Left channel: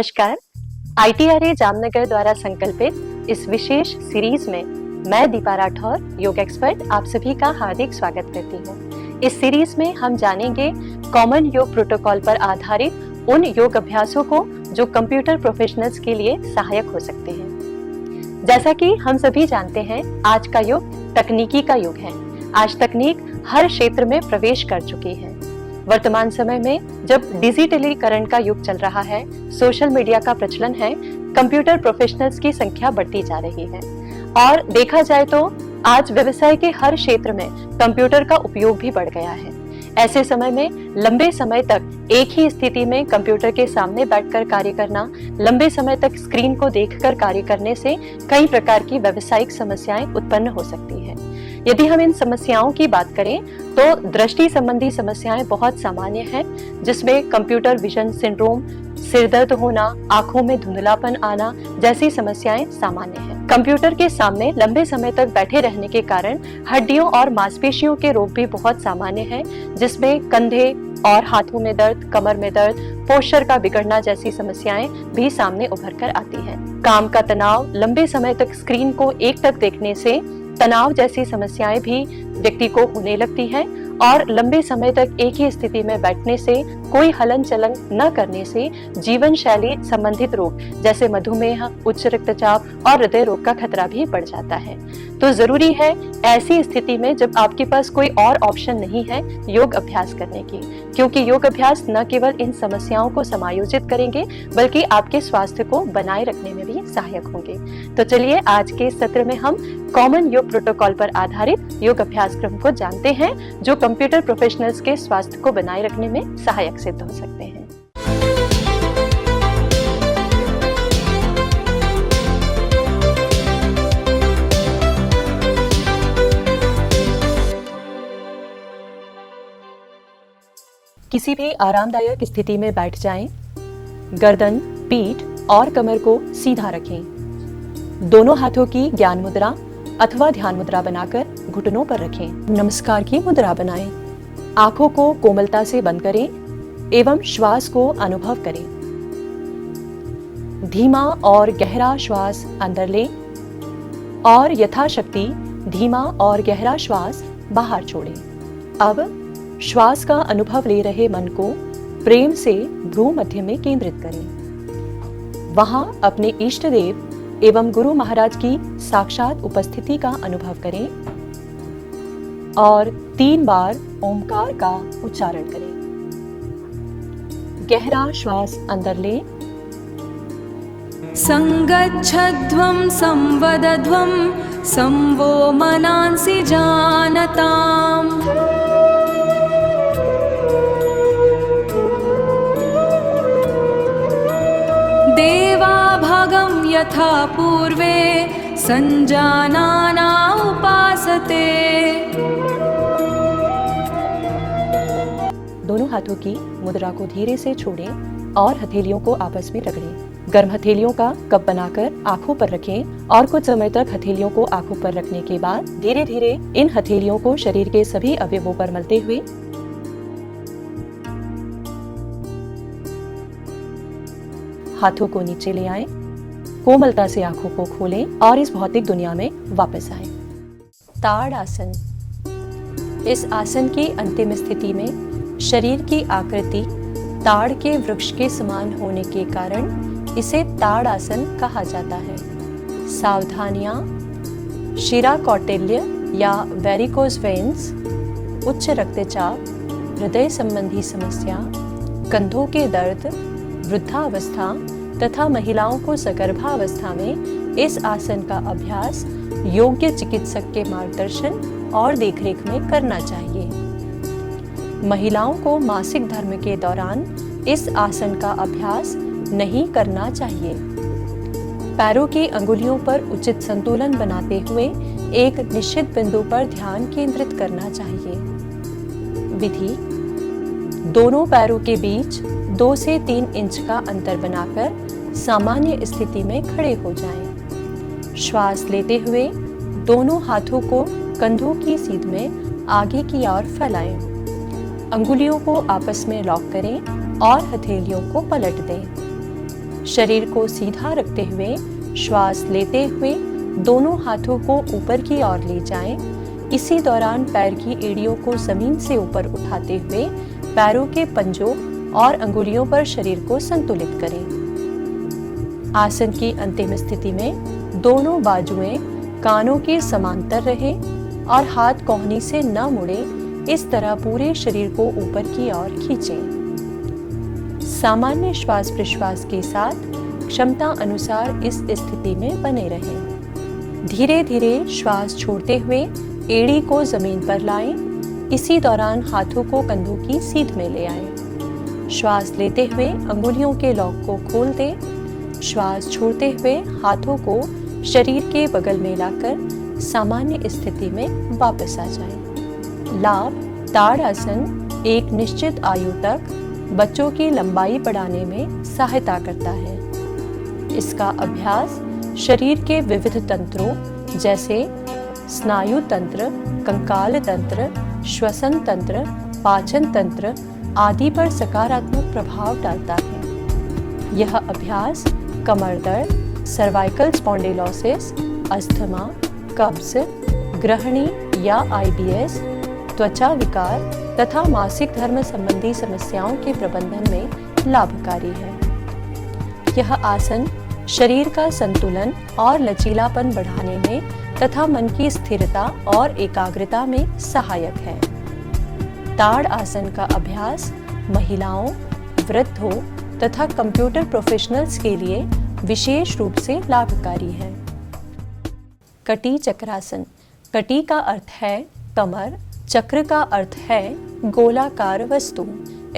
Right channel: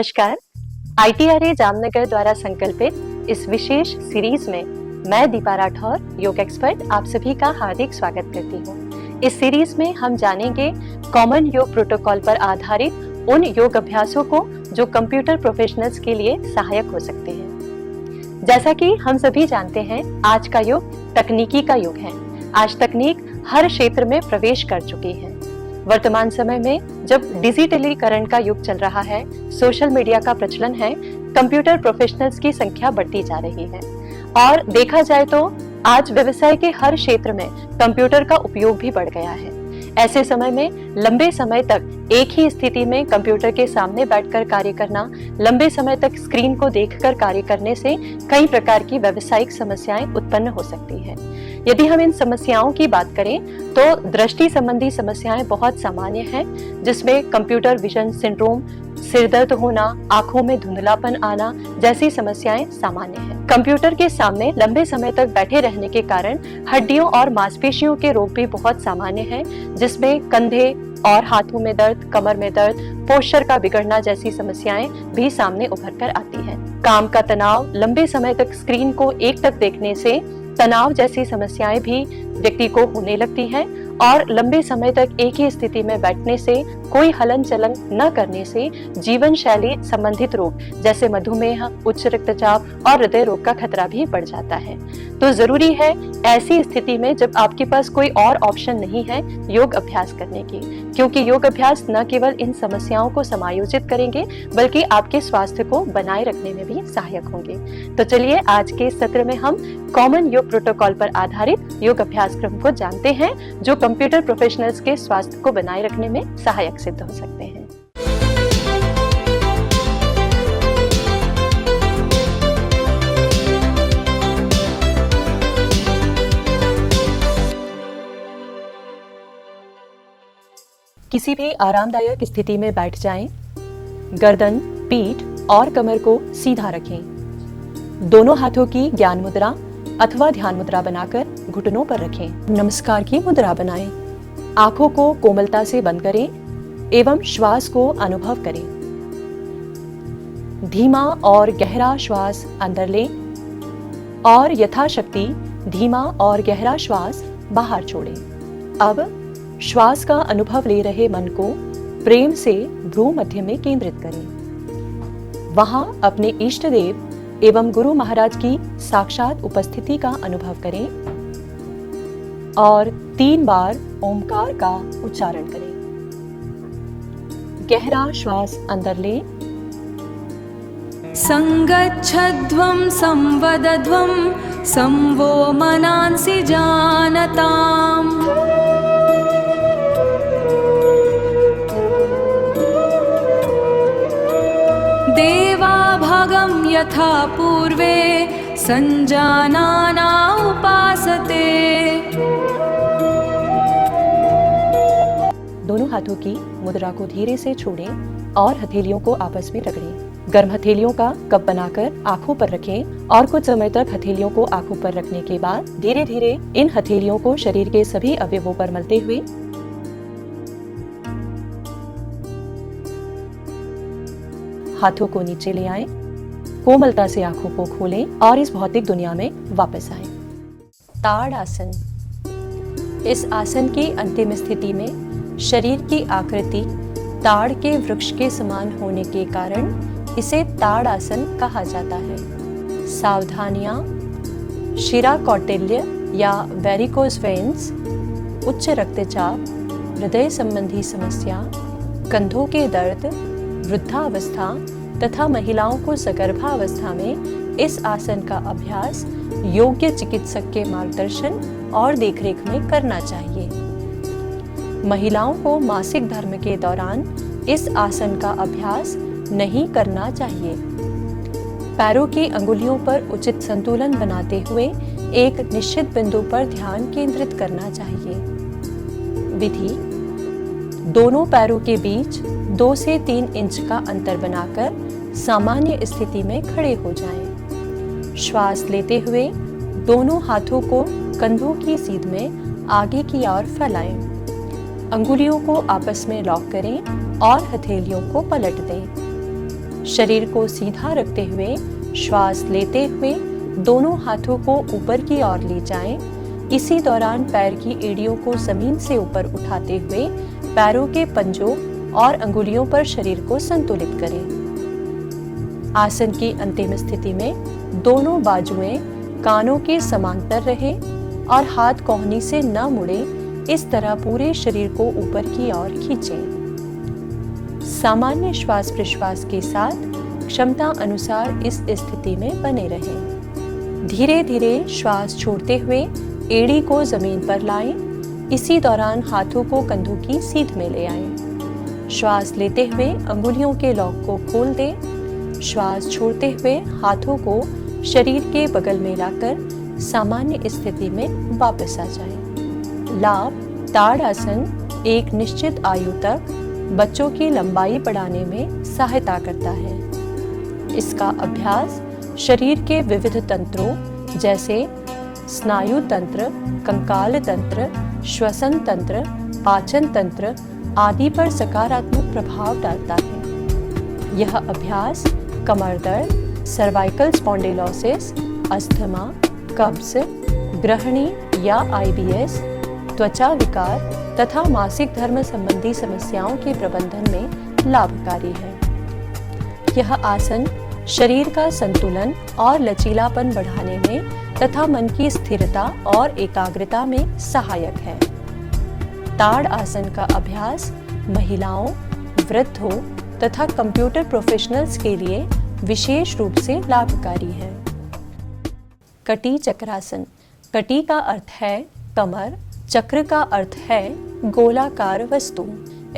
नमस्कार। ITRA जामनगर द्वारा संकल्पित इस विशेष सीरीज में मैं दीपा राठौर, योग एक्सपर्ट, आप सभी का हार्दिक स्वागत करती हूँ। इस सीरीज में हम जानेंगे कॉमन योग प्रोटोकॉल पर आधारित उन योग अभ्यासों को जो कंप्यूटर प्रोफेशनल्स के लिए सहायक हो सकते हैं। जैसा कि हम सभी जानते हैं, आज का युग तकनीकी का युग है। आज तकनीक हर क्षेत्र में प्रवेश कर चुकी है। वर्तमान समय में जब डिजिटलीकरण का युग चल रहा है, सोशल मीडिया का प्रचलन है, कंप्यूटर प्रोफेशनल्स की संख्या बढ़ती जा रही है और देखा जाए तो आज व्यवसाय के हर क्षेत्र में कंप्यूटर का उपयोग भी बढ़ गया है। ऐसे समय में लंबे समय तक एक ही स्थिति में कंप्यूटर के सामने बैठकर कार्य करना, लंबे समय तक स्क्रीन को देखकर कार्य करने से कई प्रकार की व्यावसायिक समस्याएं उत्पन्न हो सकती है। यदि हम इन समस्याओं की बात करें तो दृष्टि संबंधी समस्याएं बहुत सामान्य हैं, जिसमें कंप्यूटर विजन सिंड्रोम, सिर दर्द होना, आंखों में धुंधलापन आना जैसी समस्याएं सामान्य हैं। कंप्यूटर के सामने लंबे समय तक बैठे रहने के कारण हड्डियों और मांसपेशियों के रोग भी बहुत सामान्य हैं, जिसमें कंधे और हाथों में दर्द, कमर में दर्द, पोस्चर का बिगड़ना जैसी समस्याएं भी सामने उभर कर आती हैं। काम का तनाव, लंबे समय तक स्क्रीन को एक टक देखने से तनाव जैसी समस्याएं भी व्यक्ति को होने लगती हैं और लंबे समय तक एक ही स्थिति में बैठने से, कोई हलन चलन न करने से जीवन शैली संबंधित रोग जैसे मधुमेह, उच्च रक्तचाप और हृदय रोग का खतरा भी बढ़ जाता है। तो जरूरी है ऐसी स्थिति में जब आपके पास कोई और ऑप्शन नहीं है योग अभ्यास करने की, क्योंकि योग अभ्यास न केवल इन समस्याओं को समायोजित करेंगे बल्कि आपके स्वास्थ्य को बनाए रखने में भी सहायक होंगे। तो चलिए आज के सत्र में हम कॉमन योग प्रोटोकॉल पर आधारित योग अभ्यास क्रम को जानते हैं, जो कंप्यूटर प्रोफेशनल्स के स्वास्थ्य को बनाए रखने में सहायक सिद्ध हो सकते हैं। किसी भी आरामदायक स्थिति में बैठ जाएं। गर्दन, पीठ और कमर को सीधा रखें। दोनों हाथों की ज्ञान मुद्रा अथवा ध्यान मुद्रा बनाकर घुटनों पर रखें। नमस्कार की मुद्रा बनाएं। आंखों को कोमलता से बंद करें एवं श्वास को अनुभव करें। धीमा और गहरा श्वास अंदर लें और यथाशक्ति धीमा और गहरा श्वास बाहर छोड़ें। अब श्वास का अनुभव ले रहे मन को प्रेम से भ्रू मध्य में केंद्रित करें। वहां अपने इष्ट देव एवं गुरु महाराज की साक्षात उपस्थिति का अनुभव करें और 3 बार ओमकार का उच्चारण करें। गहरा श्वास अंदर लें। संगच्छध्वं संवदध्वं संवो मनांसि जानताम्। देवाभगं यथा पूर्वे संजानाना उपासते। दोनों हाथों की मुद्रा को धीरे से छोड़ें और हथेलियों को आपस में रगड़ें। गर्म हथेलियों का कप बनाकर आंखों पर रखें और कुछ समय तक हथेलियों को आंखों पर रखने के बाद धीरे धीरे इन हथेलियों को शरीर के सभी अवयवों पर मलते हुए हाथों को नीचे ले आएं। कोमलता से आंखों को खोलें और इस भौतिक दुनिया में वापस आएं। ताड़ासन। इस आसन की अंतिम स्थिति में शरीर की आकृति ताड़ के वृक्ष के समान होने के कारण इसे ताड़ासन कहा जाता है। सावधानियां: शिरा कौटिल्य या वेरिकोज वेन्स, उच्च रक्तचाप, हृदय संबंधी समस्या, कंधों के दर्द, वृद्धावस्था तथा महिलाओं को सगर्भावस्था में इस आसन का अभ्यास योग्य चिकित्सक के मार्गदर्शन और देखरेख में करना चाहिए। महिलाओं को मासिक धर्म के दौरान इस आसन का अभ्यास नहीं करना चाहिए। पैरों की अंगुलियों पर उचित संतुलन बनाते हुए एक निश्चित बिंदु पर ध्यान केंद्रित करना चाहिए। विधि: दोनों पैरों के बीच 2 से 3 इंच का अंतर बनाकर सामान्य स्थिति में खड़े हो जाएं। श्वास लेते हुए दोनों हाथों को कंधों की सीध में आगे की ओर फैलाएं। अंगुलियों को आपस में लॉक करें और हथेलियों को पलट दें। शरीर को सीधा रखते हुए श्वास लेते हुए दोनों हाथों को ऊपर की ओर ले जाएं। इसी दौरान पैर की एड़ियों को जमीन से ऊपर उठाते हुए पैरों के पंजों और अंगुलियों पर शरीर को संतुलित करें। आसन की अंतिम स्थिति में दोनों बाजुएं कानों के समांतर रहे और हाथ कोहनी से न मुड़े। इस तरह पूरे शरीर को ऊपर की ओर खींचें। सामान्य श्वास प्रश्वास के साथ क्षमता अनुसार इस स्थिति में बने रहें। धीरे धीरे श्वास छोड़ते हुए एड़ी को जमीन पर लाएं। इसी दौरान हाथों को कंधों की सीध में ले आएं। श्वास लेते हुए अंगुलियों के लॉक को खोल दें। श्वास छोड़ते हुए हाथों को शरीर के बगल में लाकर सामान्य स्थिति में वापस आ जाएं। लाभ: ताड़ आसन एक निश्चित आयु तक बच्चों की लंबाई बढ़ाने में सहायता करता है। इसका अभ्यास शरीर के विविध तंत्रों जैसे स्नायु तंत्र, कंकाल तंत्र, श्वसन तंत्र, पाचन तंत्र आदि पर सकारात्मक प्रभाव डालता है। यह अभ्यास कमर दर्द, सर्वाइकल स्पॉन्डिलोसिस, अस्थमा, कब्ज, ग्रहणी या IBS, त्वचा विकार तथा मासिक धर्म संबंधी समस्याओं के प्रबंधन में लाभकारी है। यह आसन शरीर का संतुलन और लचीलापन बढ़ाने में तथा मन की स्थिरता और एकाग्रता में सहायक है। ताड़ आसन का अभ्यास महिलाओं, वृद्धों तथा कंप्यूटर प्रोफेशनल्स के लिए विशेष रूप से लाभकारी है। कटी चक्रासन। कटी का अर्थ है कमर, चक्र का अर्थ है गोलाकार वस्तु।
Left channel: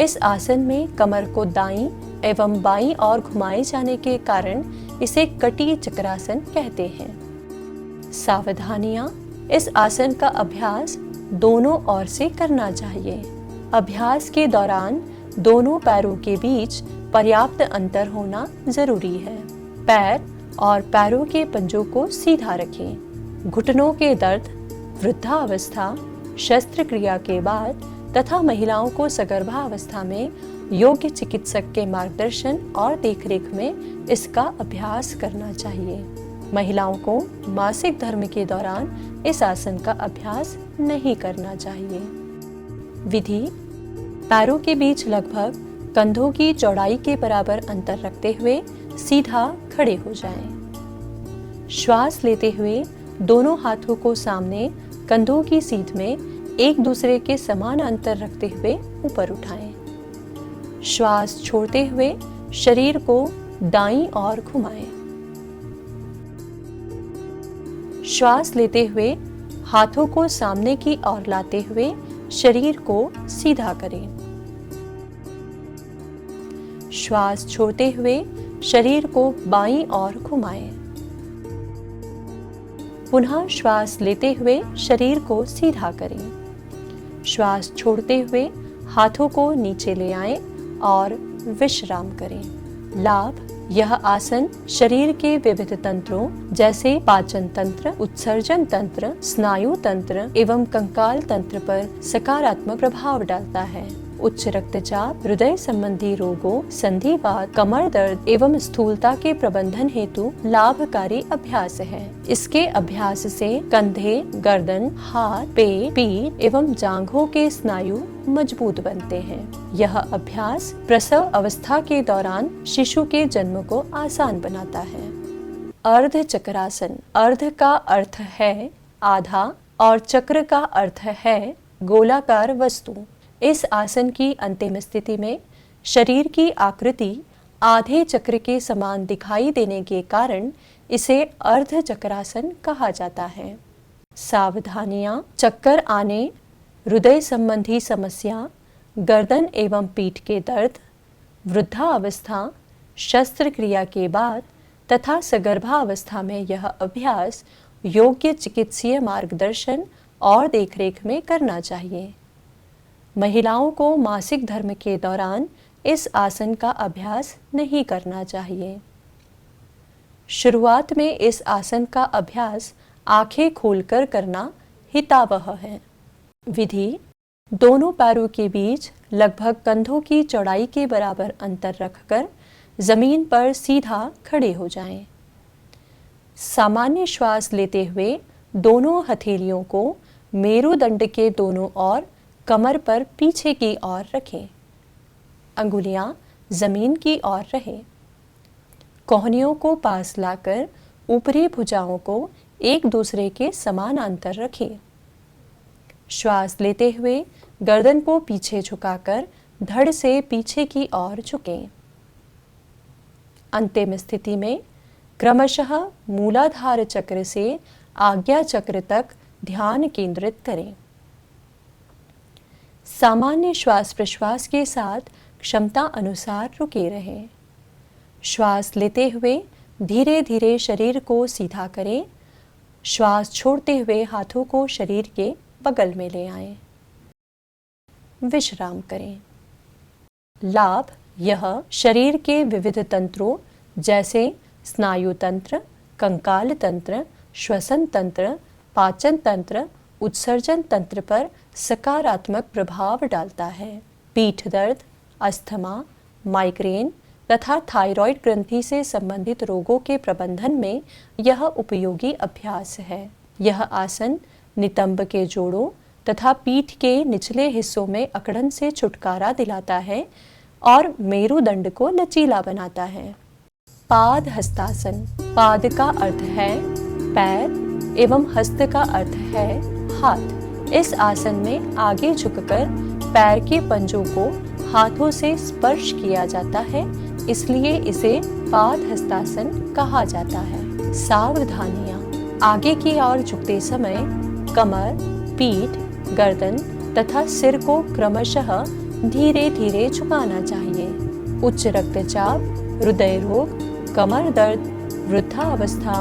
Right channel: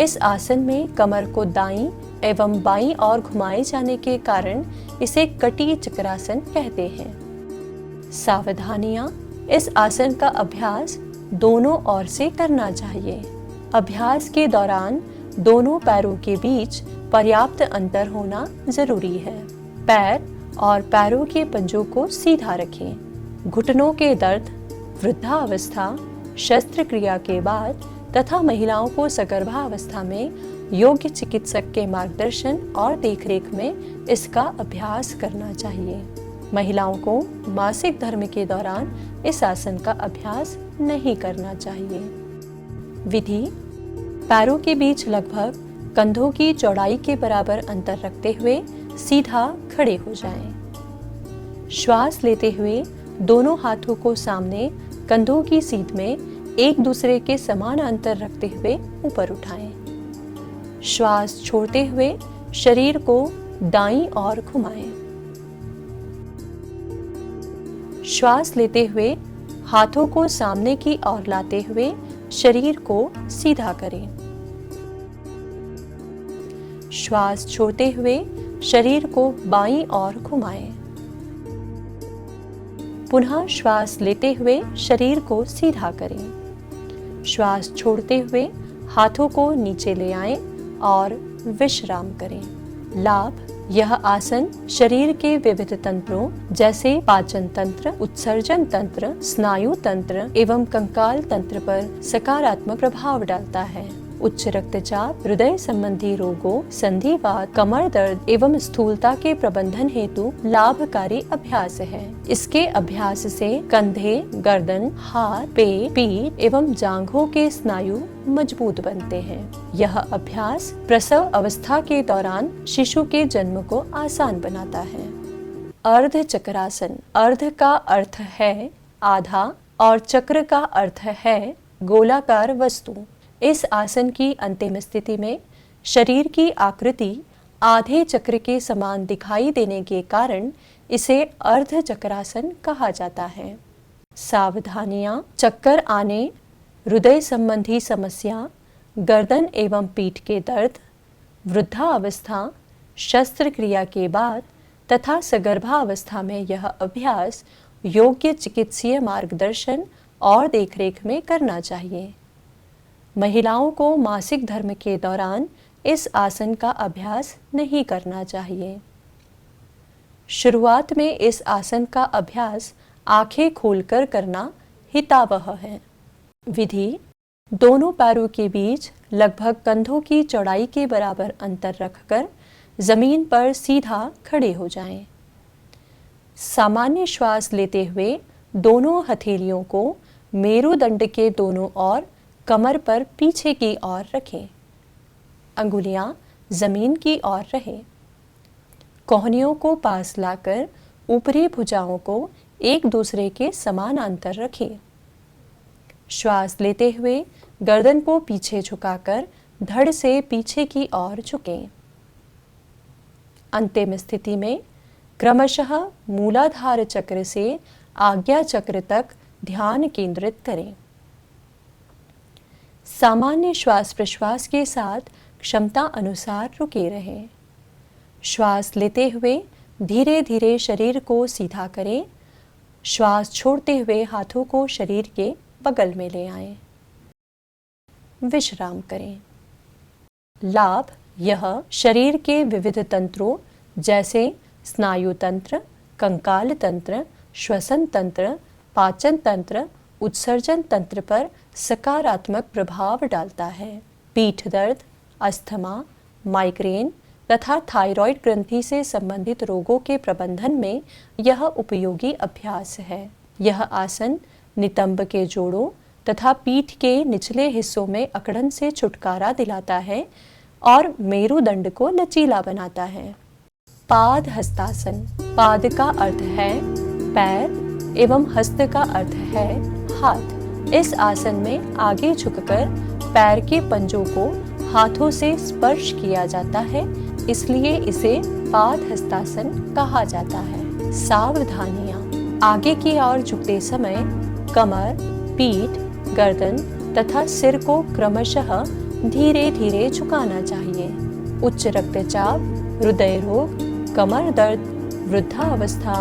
इस आसन में कमर को दाईं एवं बाईं ओर घुमाए जाने के कारण इसे कटी चक्रासन कहते हैं। सावधानियां: इस आसन का अभ्यास दोनों ओर से करना चाहिए। अभ्यास के दौरान दोनों पैरों के बीच पर्याप्त अंतर होना जरूरी है। पैर और पैरों के पंजों को सीधा रखें। घुटनों के दर्द, वृद्धावस्था, शस्त्रक्रिया के बाद तथा महिलाओं को सगर्भावस्था में योग्य चिकित्सक के मार्गदर्शन और देखरेख में इसका अभ्यास करना चाहिए। महिलाओं को मासिक धर्म के दौरान इस आसन का अभ्यास नहीं करना चाहिए। विधि: पैरों के बीच लगभग कंधों की चौड़ाई के बराबर अंतर रखते हुए सीधा खड़े हो जाएं। श्वास लेते हुए दोनों हाथों को सामने कंधों की सीध में एक दूसरे के समान अंतर रखते हुए ऊपर उठाएं। श्वास छोड़ते हुए शरीर को दाईं ओर घुमाएं। श्वास लेते हुए हाथों को सामने की ओर लाते हुए शरीर को सीधा करें। श्वास छोड़ते हुए शरीर को बाईं ओर घुमाएं। पुनः श्वास लेते हुए शरीर को सीधा करें। श्वास छोड़ते हुए हाथों को नीचे ले आएं और विश्राम करें। लाभ: यह आसन शरीर के विविध तंत्रों जैसे पाचन तंत्र, उत्सर्जन तंत्र, स्नायु तंत्र एवं कंकाल तंत्र पर सकारात्मक प्रभाव डालता है। उच्च रक्तचाप, हृदय संबंधी रोगों, संधिवात, कमर दर्द एवं स्थूलता के प्रबंधन हेतु लाभकारी अभ्यास है। इसके अभ्यास से कंधे, गर्दन, हाथ, पेट, पीठ एवं जांघों के स्नायु मजबूत बनते हैं। यह अभ्यास प्रसव अवस्था के दौरान शिशु के जन्म को आसान बनाता है। अर्ध चक्रासन। अर्ध का अर्थ है आधा और चक्र का अर्थ है गोलाकार वस्तु। इस आसन की अंतिम स्थिति में शरीर की आकृति आधे चक्र के समान दिखाई देने के कारण इसे अर्ध चक्रासन कहा जाता है। सावधानियां: चक्कर आने, हृदय संबंधी समस्या, गर्दन एवं पीठ के दर्द, वृद्धावस्था, शस्त्रक्रिया के बाद तथा सगर्भावस्था में यह अभ्यास योग्य चिकित्सीय मार्गदर्शन और देखरेख में करना चाहिए। महिलाओं को मासिक धर्म के दौरान इस आसन का अभ्यास नहीं करना चाहिए। शुरुआत में इस आसन का अभ्यास आंखें खोलकर करना हितावह है। विधि: दोनों पैरों के बीच लगभग कंधों की चौड़ाई के बराबर अंतर रखकर जमीन पर सीधा खड़े हो जाएं। सामान्य श्वास लेते हुए दोनों हथेलियों को मेरुदंड के दोनों ओर कमर पर पीछे की ओर रखें। अंगुलियां जमीन की ओर रहें। कोहनियों को पास लाकर ऊपरी भुजाओं को एक दूसरे के समानांतर रखें। श्वास लेते हुए गर्दन को पीछे झुकाकर धड़ से पीछे की ओर झुकें। अंतिम स्थिति में क्रमशः मूलाधार चक्र से आज्ञा चक्र तक ध्यान केंद्रित करें। सामान्य श्वास प्रश्वास के साथ क्षमता अनुसार रुके रहें। श्वास लेते हुए धीरे धीरे शरीर को सीधा करें। श्वास छोड़ते हुए हाथों को शरीर के बगल में ले आएं। विश्राम करें। लाभ: यह शरीर के विविध तंत्रों जैसे स्नायु तंत्र, कंकाल तंत्र, श्वसन तंत्र, पाचन तंत्र, उत्सर्जन तंत्र पर सकारात्मक प्रभाव डालता है। पीठ दर्द, अस्थमा, माइग्रेन तथा थायराइड ग्रंथि से संबंधित रोगों के प्रबंधन में यह उपयोगी अभ्यास है। यह आसन नितंब के जोड़ों तथा पीठ के निचले हिस्सों में अकड़न से छुटकारा दिलाता है और मेरुदंड को लचीला बनाता है। पाद हस्तासन। पाद का अर्थ है पैर एवं हस्त का अर्थ है हाथ। इस आसन में आगे झुककर पैर के पंजों को हाथों से स्पर्श किया जाता है, इसलिए इसे पाद हस्तासन कहा जाता है। सावधानियां: आगे की ओर झुकते समय कमर, पीठ, गर्दन तथा सिर को क्रमशः धीरे धीरे झुकाना चाहिए। उच्च रक्तचाप, हृदय रोग, कमर दर्द, वृद्धावस्था,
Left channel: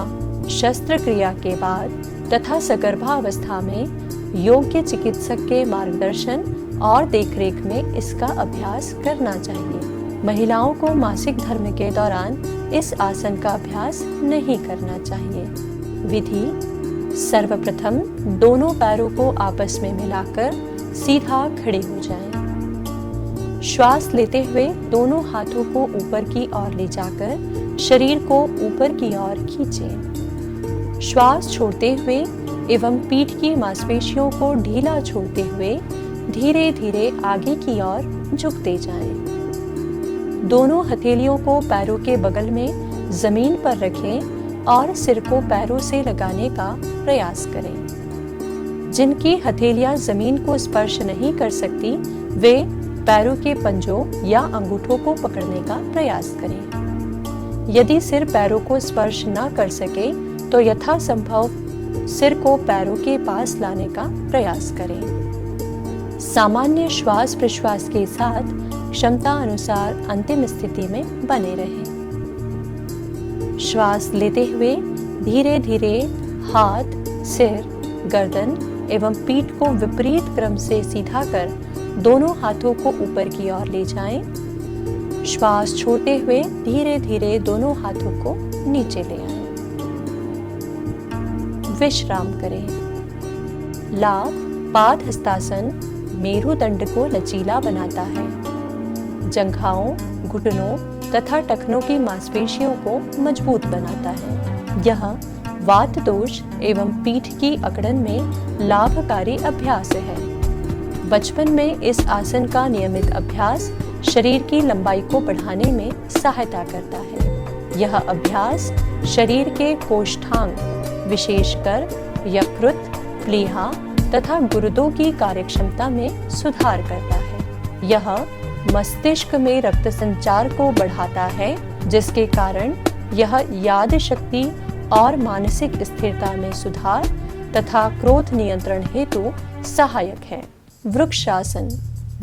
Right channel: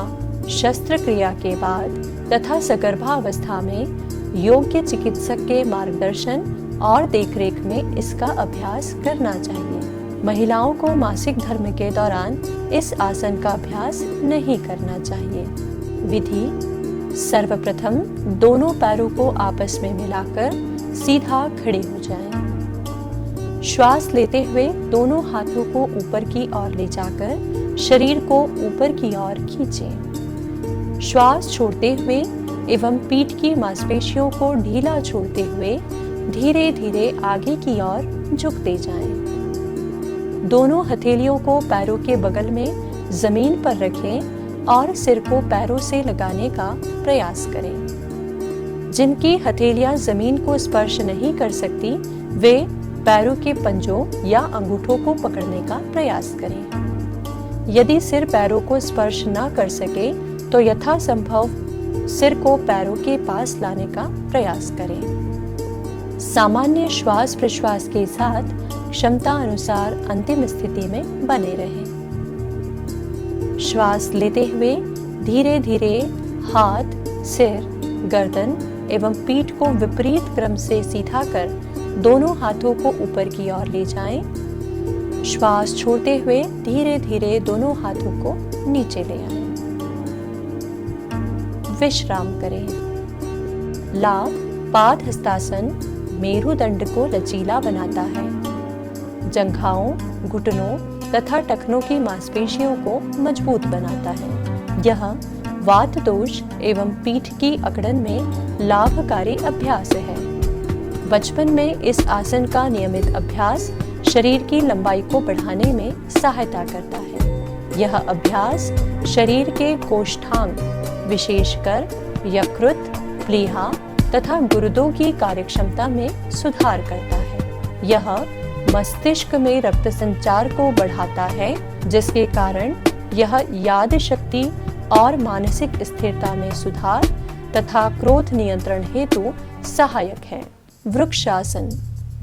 शस्त्रक्रिया के बाद तथा सगर्भावस्था में योग्य चिकित्सक के मार्गदर्शन और देखरेख में इसका अभ्यास करना चाहिए। महिलाओं को मासिक धर्म के दौरान इस आसन का अभ्यास नहीं करना चाहिए। विधि: सर्वप्रथम दोनों पैरों को आपस में मिलाकर सीधा खड़े हो जाएं। श्वास लेते हुए दोनों हाथों को ऊपर की ओर ले जाकर शरीर को ऊपर की ओर खींचें। श्वास छोड़ते हुए एवं पीठ की मांसपेशियों को ढीला छोड़ते हुए धीरे धीरे आगे की ओर झुकते जाएं। दोनों हथेलियों को पैरों के बगल में जमीन पर रखें और सिर को पैरों से लगाने का प्रयास करें। जिनकी हथेलियां जमीन को स्पर्श नहीं कर सकती, वे पैरों के पंजों या अंगूठों को पकड़ने का प्रयास करें। यदि सिर पैरों को स्पर्श न कर सके तो यथासंभव सिर को पैरों के पास लाने का प्रयास करें। सामान्य श्वास प्रश्वास के साथ क्षमता अनुसार अंतिम स्थिति में बने रहें। श्वास लेते हुए धीरे धीरे हाथ, सिर, गर्दन एवं पीठ को विपरीत क्रम से सीधा कर दोनों हाथों को ऊपर की ओर ले जाएं। श्वास छोड़ते हुए धीरे धीरे दोनों हाथों को नीचे ले आएं। विश्राम करें। लाभ: पाद हस्तासन मेरुदंड को लचीला बनाता है। जंघाओं, घुटनों तथा टखनों की मांसपेशियों को मजबूत बनाता है। यह वात दोष एवं पीठ की अकड़न में लाभकारी अभ्यास है। बचपन में इस आसन का नियमित अभ्यास शरीर की लंबाई को बढ़ाने में सहायता करता है। यह अभ्यास शरीर के कोष्ठांग, विशेषकर यकृत, प्लीहा तथा गुर्दों की कार्यक्षमता में सुधार करता है। यह मस्तिष्क में रक्त संचार को बढ़ाता है, जिसके कारण यह याद शक्ति और मानसिक स्थिरता में सुधार तथा क्रोध नियंत्रण हेतु सहायक है। वृक्षासन।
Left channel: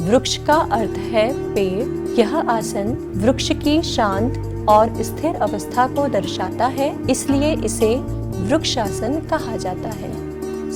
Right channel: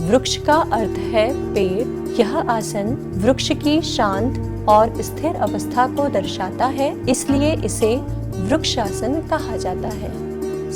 वृक्ष का अर्थ है पेड़। यह आसन वृक्ष की शांत और स्थिर अवस्था को दर्शाता है, इसलिए इसे वृक्षासन कहा जाता है।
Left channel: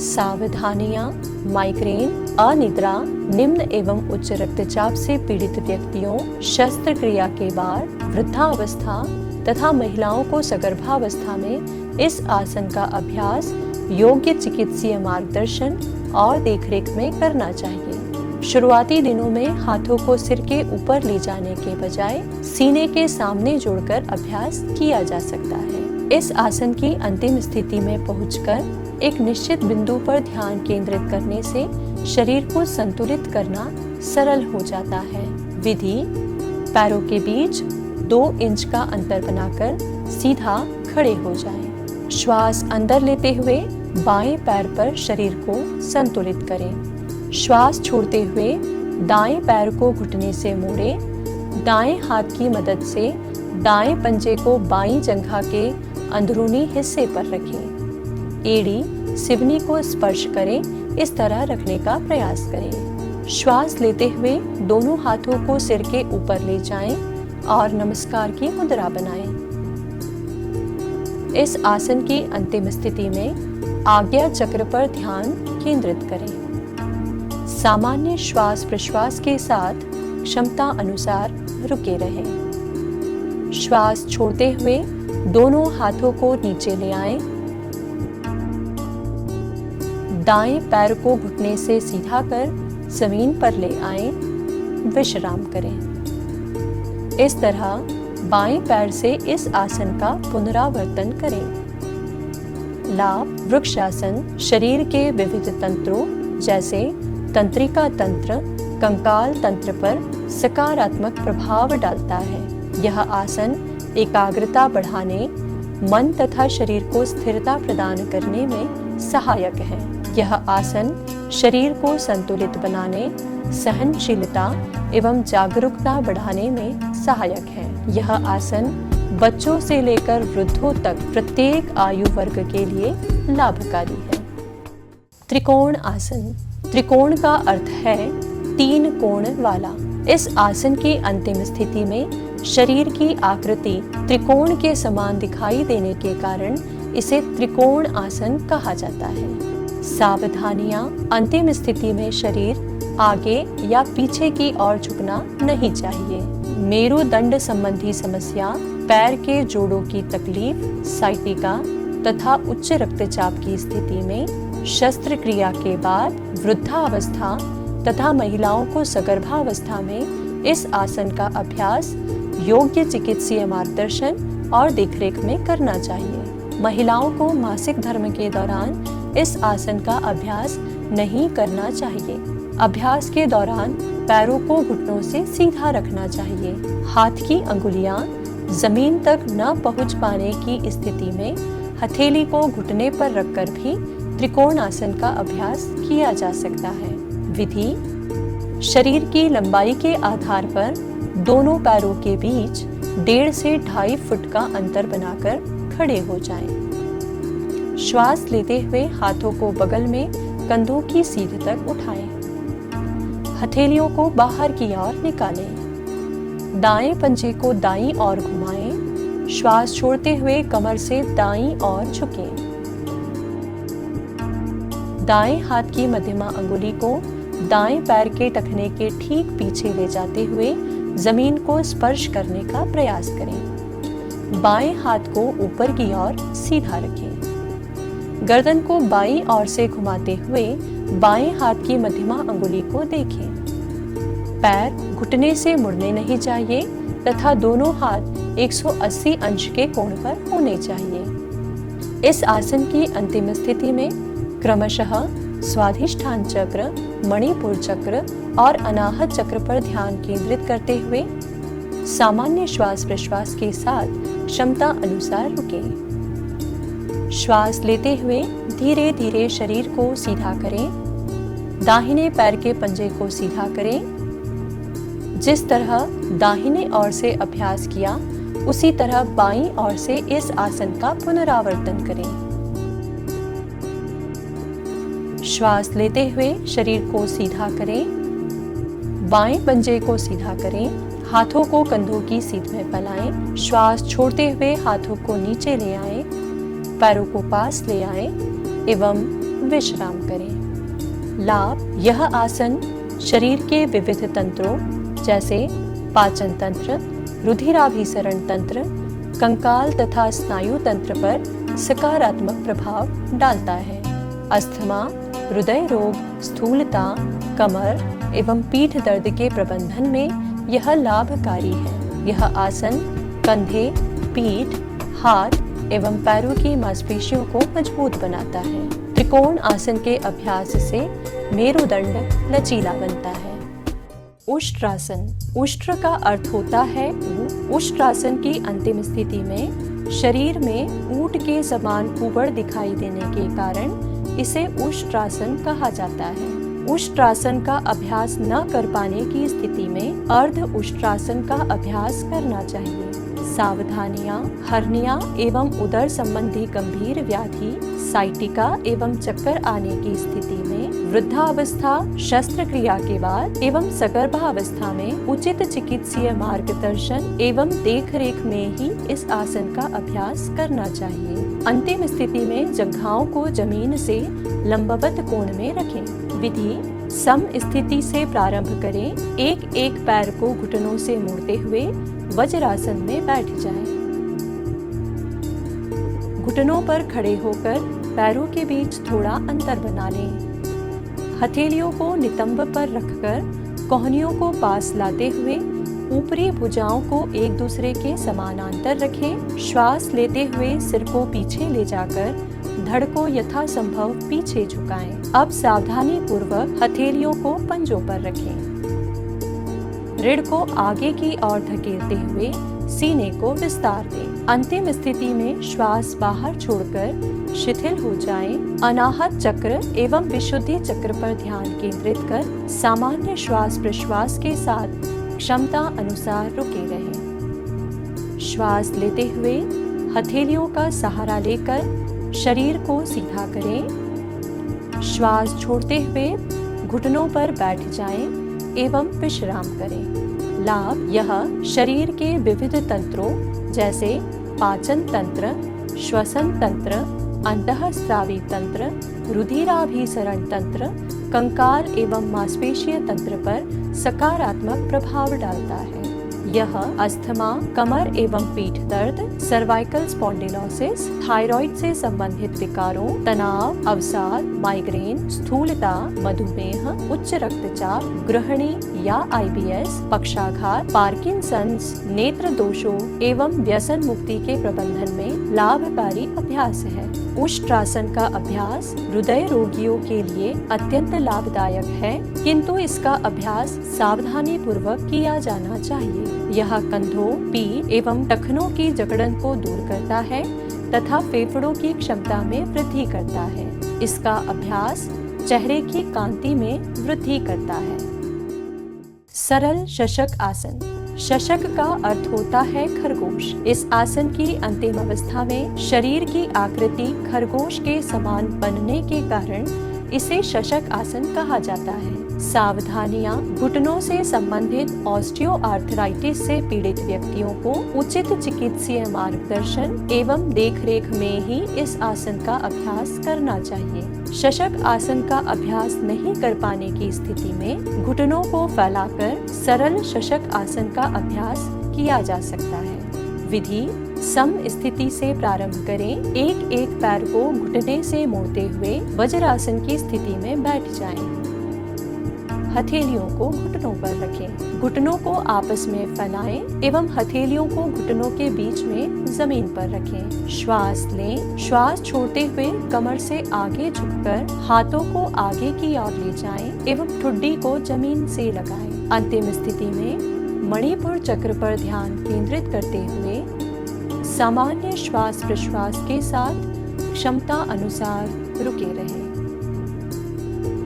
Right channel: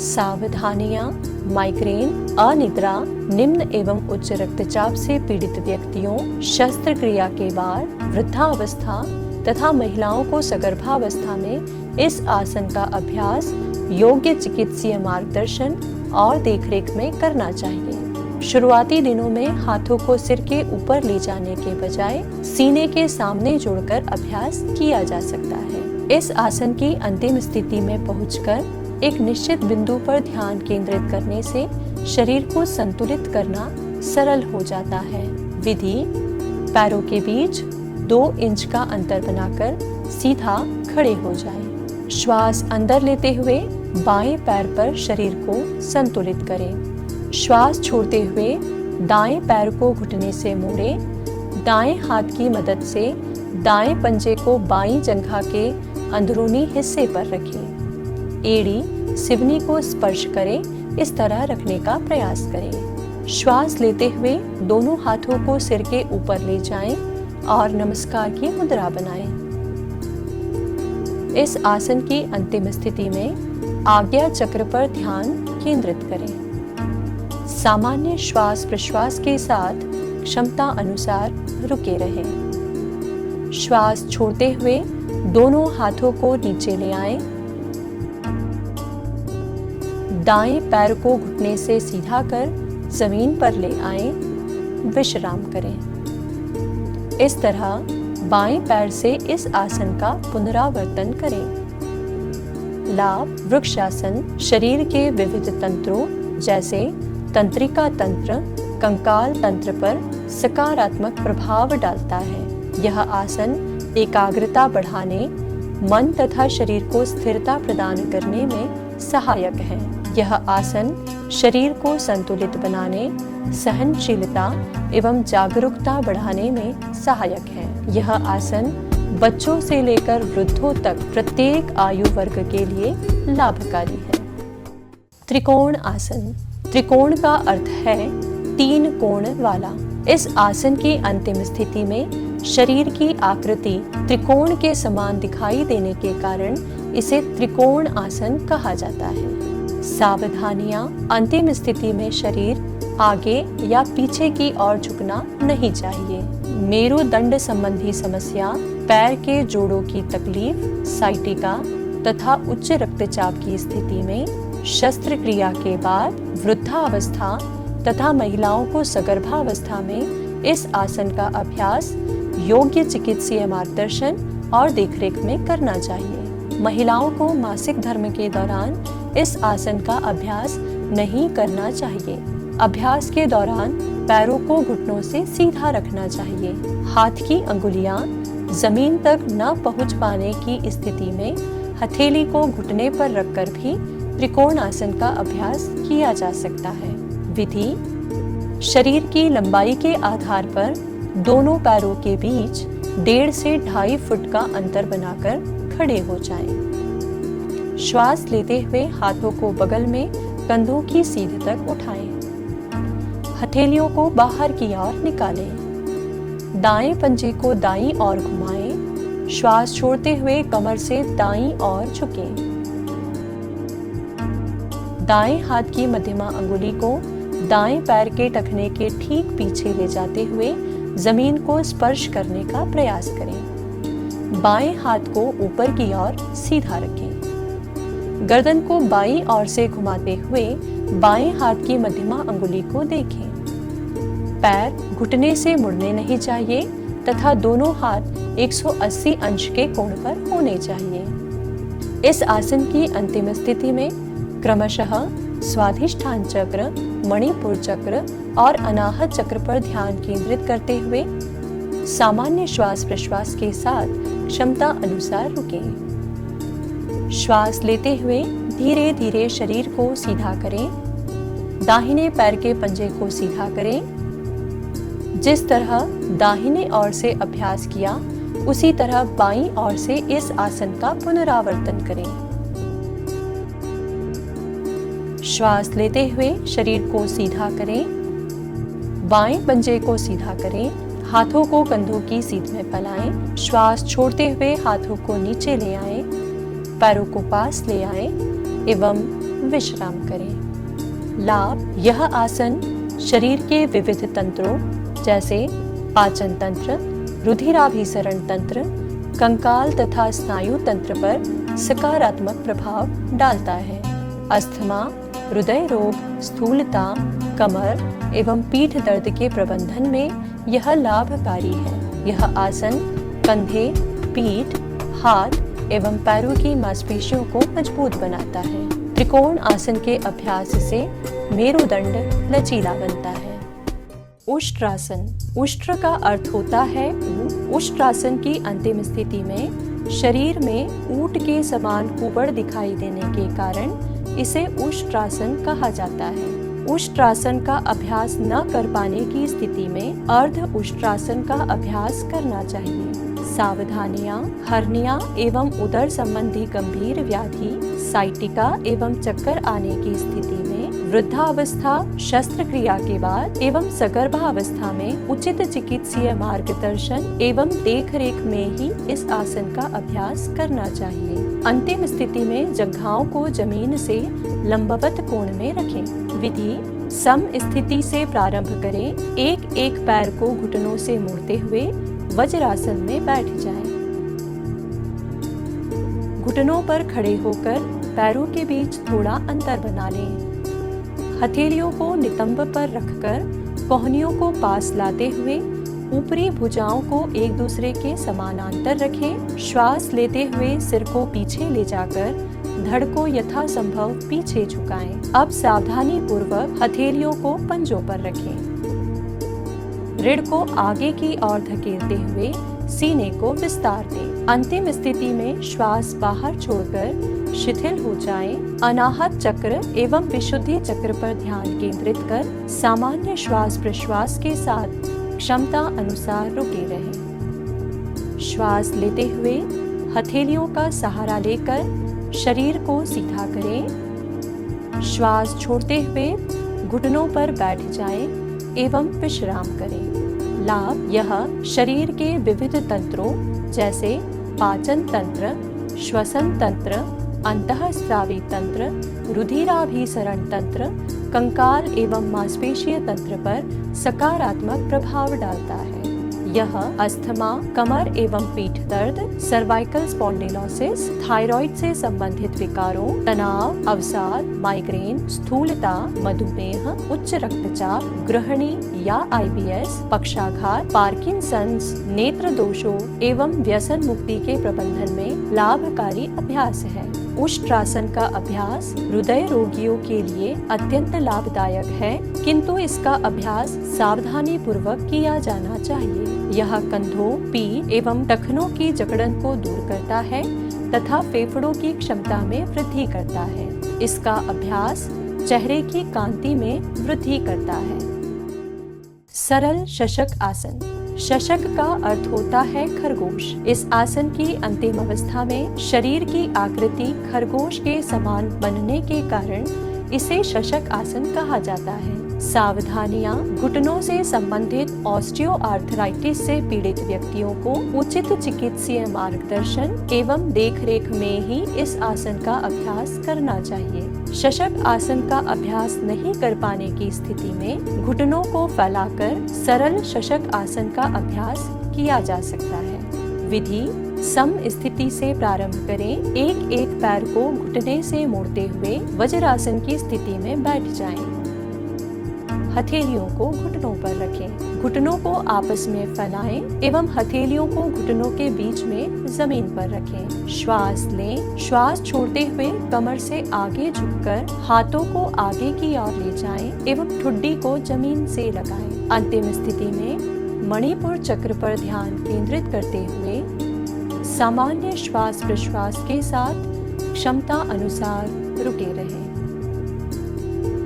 सावधानियां: माइग्रेन, अनिद्रा, निम्न एवं उच्च रक्तचाप से पीड़ित व्यक्तियों, शस्त्रक्रिया के बाद, वृद्धावस्था तथा महिलाओं को सगर्भावस्था में इस आसन का अभ्यास योग्य चिकित्सीय मार्गदर्शन और देखरेख में करना चाहिए। शुरुआती दिनों में हाथों को सिर के ऊपर ले जाने के बजाय सीने के सामने जोड़कर अभ्यास किया जा सकता है। इस आसन की अंतिम स्थिति में पहुंचकर एक निश्चित बिंदु पर ध्यान केंद्रित करने से शरीर को संतुलित करना सरल हो जाता है। विधि: पैरों के बीच 2 इंच का अंतर बनाकर सीधा खड़े हो जाएं। श्वास अंदर लेते हुए बाएं पैर पर शरीर को संतुलित करें। श्वास छोड़ते हुए दाएं पैर को घुटने से मोड़ें। दाएं हाथ की मदद से दाएं पंजे को बाईं जंघा के अंदरूनी हिस्से पर रखें। एड़ी सिवनी को स्पर्श करे, इस तरह रखने का प्रयास करें। श्वास लेते हुए दोनों हाथों को सिर के ऊपर ले जाएं और नमस्कार की मुद्रा बनाएं। इस आसन की अंतिम स्थिति में आज्ञा चक्र पर ध्यान केंद्रित करें। सामान्य श्वास प्रश्वास के साथ क्षमता अनुसार रुके रहें। श्वास छोड़ते हुए दोनों हाथों को नीचे ले आएं। दाएं पैर को घुटने से सीधा कर जमीन पर ले आएं। विश्राम करें। इस तरह बाएं पैर से इस आसन का पुनरावर्तन करें। लाभ: वृक्षासन शरीर के विविध तंत्रों जैसे तंत्रिका तंत्र, कंकाल तंत्र पर सकारात्मक प्रभाव डालता है। यह आसन एकाग्रता बढ़ाने, मन तथा शरीर को स्थिरता प्रदान करने में सहायक है। यह आसन शरीर को संतुलित बनाने, सहनशीलता एवं जागरूकता बढ़ाने में सहायक है। यह आसन बच्चों से लेकर वृद्धों तक प्रत्येक आयु वर्ग के लिए लाभकारी है। त्रिकोण आसन। त्रिकोण का अर्थ है 3 कोण वाला। इस आसन की अंतिम स्थिति में शरीर की आकृति त्रिकोण के समान दिखाई देने के कारण इसे त्रिकोण आसन कहा जाता है। सावधानियां: अंतिम स्थिति में शरीर आगे या पीछे की ओर झुकना नहीं चाहिए। मेरुदंड संबंधी समस्या, पैर के जोड़ों की तकलीफ, साइटिका तथा उच्च रक्तचाप की स्थिति में शस्त्रक्रिया के बाद वृद्धावस्था तथा महिलाओं को सगर्भावस्था में इस आसन का अभ्यास योग्य चिकित्सीय मार्गदर्शन और देखरेख में करना चाहिए। महिलाओं को मासिक धर्म के दौरान इस आसन का अभ्यास नहीं करना चाहिए। अभ्यास के दौरान पैरों को घुटनों से सीधा रखना चाहिए। हाथ की अंगुलियां जमीन तक न पहुंच पाने की स्थिति में हथेली को घुटने पर रखकर भी त्रिकोण आसन का अभ्यास किया जा सकता है। विधि: शरीर की लंबाई के आधार पर दोनों पैरों के बीच 1.5 से 2.5 फुट का अंतर बनाकर खड़े हो जाएं। श्वास लेते हुए हाथों को बगल में कंधों की सीध तक उठाएं। हथेलियों को बाहर की ओर निकालें। दाएं पंजे को दाईं ओर घुमाएं। श्वास छोड़ते हुए कमर से दाईं ओर झुकें। दाएं हाथ की मध्यमा अंगुली को दाएं पैर के टखने के ठीक पीछे ले जाते हुए जमीन को स्पर्श करने का प्रयास करें। बाएं हाथ को ऊपर की ओर सीधा रखें। गर्दन को बाईं ओर से घुमाते हुए बाएं हाथ की मध्यमा अंगुली को देखें। पैर घुटने से मुड़ने नहीं चाहिए तथा दोनों हाथ 180 अंश के कोण पर होने चाहिए। इस आसन की अंतिम स्थिति में क्रमशः स्वाधिष्ठान चक्र, मणिपुर चक्र और अनाहत चक्र पर ध्यान केंद्रित करते हुए सामान्य श्वास प्रश्वास के साथ क्षमता अनुसार रुकें। श्वास लेते हुए धीरे धीरे शरीर को सीधा करें। दाहिने पैर के पंजे को सीधा करें। जिस तरह दाहिने ओर से अभ्यास किया उसी तरह बाईं ओर से इस आसन का पुनरावर्तन करें। श्वास लेते हुए शरीर को सीधा करें। बाएं पंजे को सीधा करें। हाथों को कंधों की सीध में फैलाएं। श्वास छोड़ते हुए हाथों को नीचे ले आए, पैरों को पास ले आए एवं विश्राम करें। लाभ: यह आसन शरीर के विविध तंत्रों जैसे पाचन तंत्र, रुधिराभिसरण तंत्र, कंकाल तथा स्नायु तंत्र पर सकारात्मक प्रभाव डालता है। अस्थमा, हृदय रोग, स्थूलता, कमर एवं पीठ दर्द के प्रबंधन में यह लाभकारी है। यह आसन कंधे, पीठ, हाथ एवं पैरों की मांसपेशियों को मजबूत बनाता है। त्रिकोण आसन के अभ्यास से मेरुदंड लचीला बनता है। उष्ट्रासन, उष्ट्र का अर्थ होता है ऊंट। उष्ट्रासन की अंतिम स्थिति में शरीर में ऊंट के समान कुबड़ दिखाई देने के कारण इसे उष्ट्रासन कहा जाता है। उष्ट्रासन का अभ्यास न कर पाने की स्थिति में अर्ध उष्ट्रासन का अभ्यास करना चाहिए। सावधानियां, हर्निया एवं उदर संबंधी गंभीर व्याधि, साइटिका एवं चक्कर आने की स्थिति में वृद्धावस्था, शस्त्रक्रिया के बाद एवं सगर्भावस्था में उचित चिकित्सीय मार्गदर्शन एवं देखरेख में ही इस आसन का अभ्यास करना चाहिए। अंतिम स्थिति में जंघाओं को जमीन से लंबवत कोण में रखें। विधि: सम स्थिति से प्रारंभ करें। एक एक पैर को घुटनों से मोड़ते हुए वज्रासन में बैठ जाएं। घुटनों पर खड़े होकर पैरों के बीच थोड़ा अंतर बना लें। हथेलियों को नितंब पर रखकर कोहनियों को पास लाते हुए ऊपरी भुजाओं को एक दूसरे के समानांतर रखें। श्वास लेते हुए सिर को पीछे ले जाकर धड़ को यथासंभव पीछे झुकाएं। अब सावधानी पूर्वक हथेलियों को पंजों पर रखें। रीढ़ को आगे की ओर धकेलते हुए सीने को विस्तार दें। अंतिम स्थिति में श्वास बाहर छोड़कर शिथिल हो जाए। अनाहत चक्र एवं विशुद्धि चक्र पर ध्यान केंद्रित कर सामान्य श्वास प्रश्वास के साथ क्षमता अनुसार रुके रहें। श्वास लेते हुए हथेलियों का सहारा लेकर शरीर को सीधा करें। श्वास छोड़ते हुए घुटनों पर बैठ जाएं एवं विश्राम करें। लाभ: यह शरीर के विविध तंत्रों जैसे पाचन तंत्र, श्वसन तंत्र, अंतःस्रावी तंत्र, रुधिराभिसरण तंत्र, कंकाल एवं मांसपेशीय तंत्र पर सकारात्मक प्रभाव डालता है। यह अस्थमा, कमर एवं पीठ दर्द, सर्वाइकल स्पॉन्डिलोसिस, थायराइड से संबंधित विकारों, तनाव, अवसाद, माइग्रेन, स्थूलता, मधुमेह, उच्च रक्तचाप, गृहिणी या IBS, पक्षाघात, पार्किंसंस, नेत्र दोषों एवं व्यसन मुक्ति के प्रबंधन में लाभकारी अभ्यास है। उष्ट्रासन का अभ्यास हृदय रोगियों के लिए अत्यंत लाभदायक है, किंतु इसका अभ्यास सावधानी पूर्वक किया जाना चाहिए। यह कंधों, पीठ एवं टखनों की जकड़न को दूर करता है तथा फेफड़ों की क्षमता में वृद्धि करता है। इसका अभ्यास चेहरे की कांति में वृद्धि करता है। सरल शशक आसन। शशक का अर्थ होता है खरगोश। इस आसन की अंतिम अवस्था में शरीर की आकृति खरगोश के समान बनने के कारण इसे शशक आसन कहा जाता है। सावधानियां: घुटनों से संबंधित ऑस्टियोआर्थराइटिस से पीड़ित व्यक्तियों को उचित चिकित्सीय मार्गदर्शन एवं देखरेख में ही इस आसन का अभ्यास करना चाहिए। शशक आसन का अभ्यास नहीं कर पाने की स्थिति में घुटनों को फैलाकर सरल शशक आसन का अभ्यास किया जा सकता है। विधि: सम स्थिति से प्रारंभ करें। एक एक पैर को घुटने से मोड़ते हुए वज्रासन की स्थिति में बैठ जाएं। हथेलियों को घुटनों पर रखें। घुटनों को आपस में फैलाएं एवं हथेलियों को घुटनों के बीच में जमीन पर रखें। श्वास लें। श्वास छोड़ते हुए कमर से आगे झुककर हाथों को आगे की ओर ले जाएं एवं ठुड्डी को जमीन से लगाएं। अंतिम स्थिति में मणिपुर चक्र पर ध्यान केंद्रित करते हुए सामान्य श्वास प्रश्वास के साथ क्षमता अनुसार रुके रहें।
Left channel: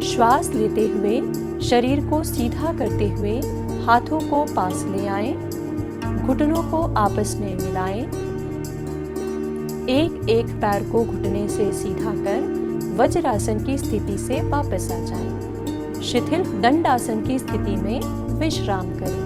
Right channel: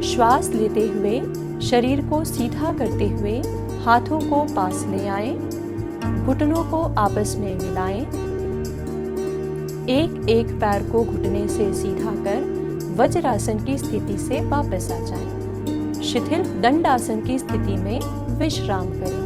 श्वास लेते हुए शरीर को सीधा करते हुए हाथों को पास ले आए। घुटनों को आपस में मिलाएं। एक एक पैर को घुटने से सीधा कर वज्रासन की स्थिति से वापस आ जाएं। शिथिल दंडासन की स्थिति में विश्राम करें।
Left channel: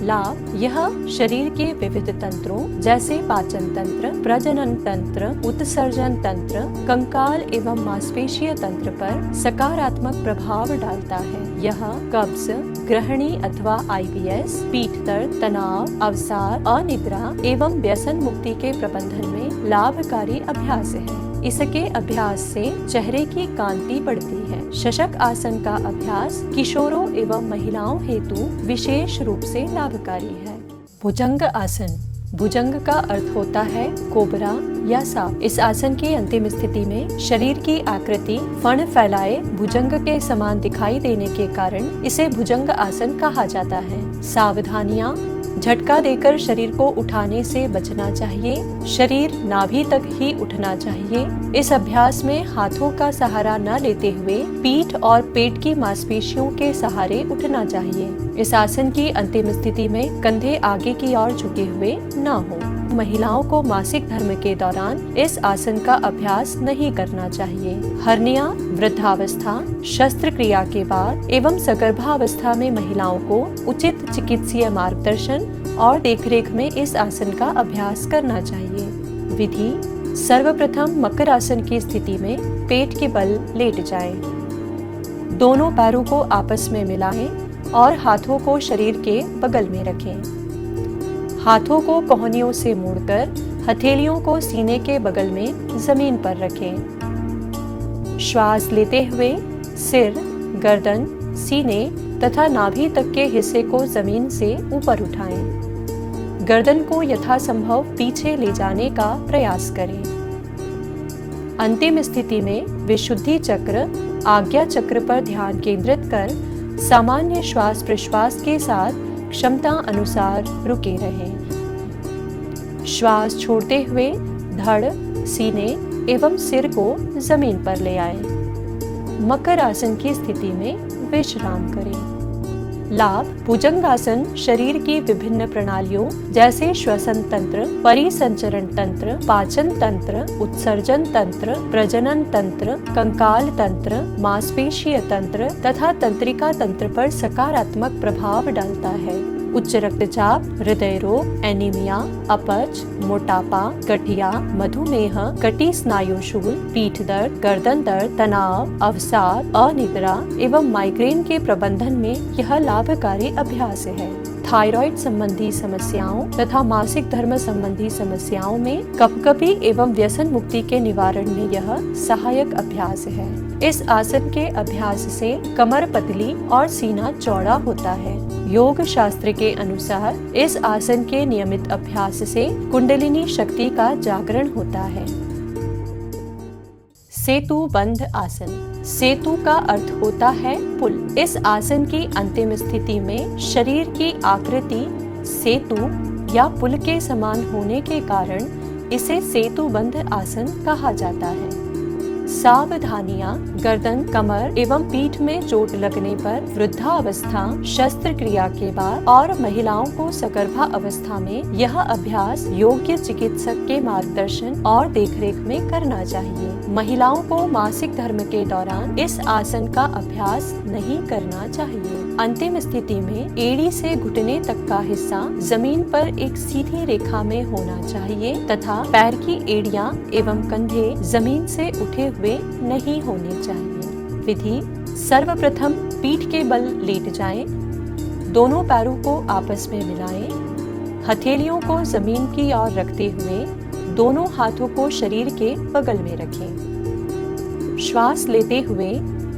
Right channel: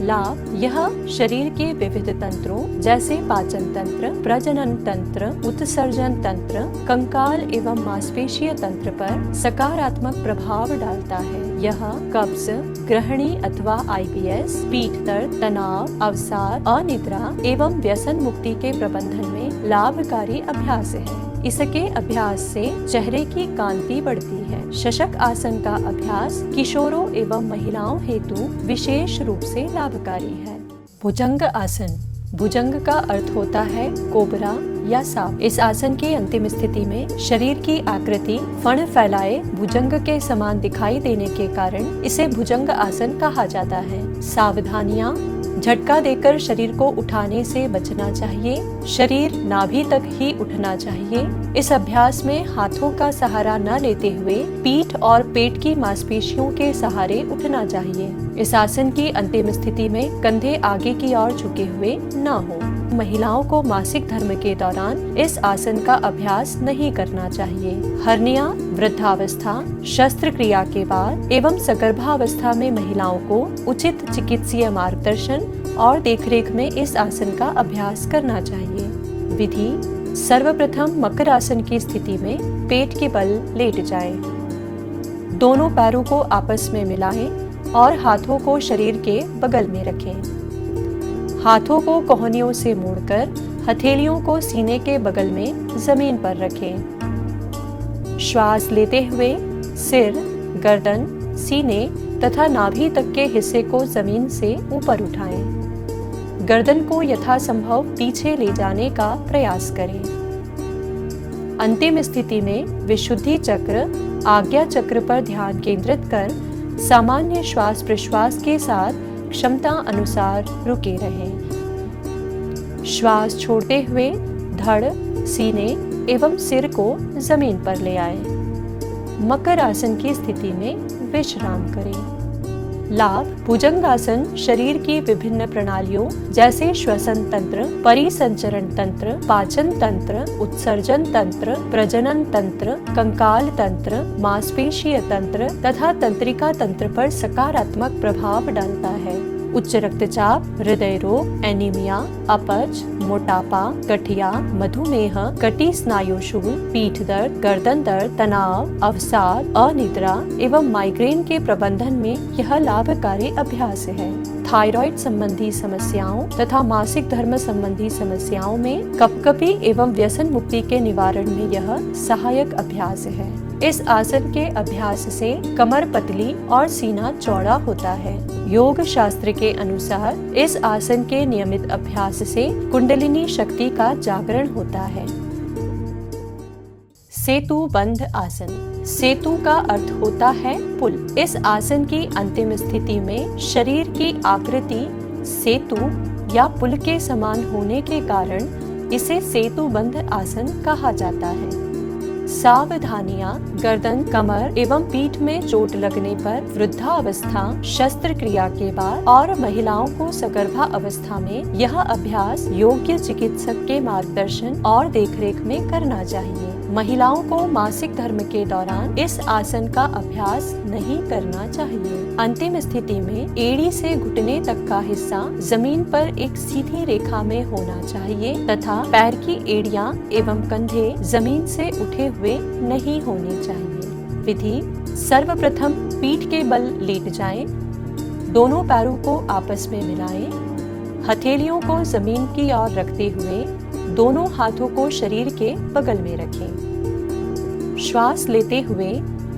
लाभ: यह शरीर के विविध तंत्रों जैसे पाचन तंत्र, प्रजनन तंत्र, उत्सर्जन तंत्र, कंकाल एवं मांसपेशीय तंत्र पर सकारात्मक प्रभाव डालता है। यह कब्ज, गृहिणी अथवा IBS, पीठ दर्द, तनाव, अवसाद, अनिद्रा एवं व्यसन मुक्ति के प्रबंधन में लाभकारी अभ्यास है। इसके अभ्यास से चेहरे की कांति बढ़ती है। शशक आसन का अभ्यास किशोरों एवं महिलाओं हेतु विशेष रूप से लाभकारी है। भुजंग आसन। भुजंग का अर्थ होता है कोबरा या सांप। इस आसन की अंतिम स्थिति में शरीर की आकृति फण फैलाए भुजंग के समान दिखाई देने के कारण इसे भुजंग आसन कहा जाता है। सावधानियां: झटका देकर शरीर को उठाने से बचना चाहिए। शरीर नाभि तक ही उठना चाहिए। इस अभ्यास में हाथों का सहारा न लेते हुए पीठ और पेट की मांसपेशियों के सहारे उठना चाहिए। इस आसन की अंतिम स्थिति में कंधे आगे की ओर झुके हुए न हो। महिलाओं को मासिक धर्म के दौरान इस आसन का अभ्यास नहीं करना चाहिए। हर्निया, वृद्धावस्था, शस्त्रक्रिया के बाद एवं सगर्भावस्था में महिलाओं को उचित चिकित्सीय मार्गदर्शन और देखरेख में इस आसन का अभ्यास करना चाहिए। विधि: सर्वप्रथम मकर आसन की स्थिति में पेट के बल लेट जाएं। दोनों पैरों को आपस में मिलाएं और हाथों को शरीर के बगल में रखें। हाथों को कोहनियों से मोड़कर हथेलियों को सीने के बगल में जमीन पर रखें। श्वास लेते हुए सिर, गर्दन, सीने तथा नाभि तक के हिस्से को जमीन से ऊपर उठाएं। गर्दन को यथासंभव पीछे ले जाने का प्रयास करें। अंतिम स्थिति में विशुद्धि चक्र, आज्ञा चक्र पर ध्यान केंद्रित कर सामान्य श्वास प्रश्वास के साथ क्षमता अनुसार रुके रहें। श्वास छोड़ते हुए धड़, सीने एवं सिर को जमीन पर ले आए। मकर आसन की स्थिति में विश्राम करें। लाभ: भुजंगासन शरीर की विभिन्न प्रणालियों जैसे श्वसन तंत्र, परिसंचरण तंत्र, पाचन तंत्र, उत्सर्जन तंत्र, प्रजनन तंत्र, कंकाल तंत्र, मांसपेशीय तंत्र तथा तंत्रिका तंत्र पर सकारात्मक प्रभाव डालता है। उच्च रक्तचाप, हृदय रोग, एनीमिया, अपच, मोटापा, गठिया, मधुमेह, कटी स्नायुशूल, पीठ दर्द, गर्दन दर्द, तनाव, अवसाद, अनिद्रा एवं माइग्रेन के प्रबंधन में यह लाभकारी अभ्यास है। थायराइड संबंधी समस्याओं तथा मासिक धर्म संबंधी समस्याओं में कपकपी एवं व्यसन मुक्ति के निवारण में यह सहायक अभ्यास है। इस आसन के अभ्यास से कमर पतली और सीना चौड़ा होता है। योग शास्त्र के अनुसार इस आसन के नियमित अभ्यास से कुंडलिनी शक्ति का जागरण होता है। सेतु बंध आसन। सेतु का अर्थ होता है पुल। इस आसन की अंतिम स्थिति में शरीर की आकृति सेतु या पुल के समान होने के कारण इसे सेतु बंध आसन कहा जाता है। सावधानियां: गर्दन, कमर एवं पीठ में चोट लगने पर, वृद्धावस्था, शस्त्रक्रिया के बाद और महिलाओं को सगर्भा अवस्था में यह अभ्यास योग्य चिकित्सक के मार्गदर्शन और देखरेख में करना चाहिए। महिलाओं को मासिक धर्म के दौरान इस आसन का अभ्यास नहीं करना चाहिए। अंतिम स्थिति में एड़ी से घुटने तक का हिस्सा जमीन पर एक सीधी रेखा में होना चाहिए तथा पैर की एड़ियां एवं कंधे जमीन से उठे हुए नहीं होने चाहिए। विधि: सर्वप्रथम पीठ के बल लेट जाएं, दोनों पैरों को आपस में मिलाएं, हथेलियों को जमीन की ओर रखते हुए दोनों हाथों को शरीर के बगल में रखें। श्वास लेते हुए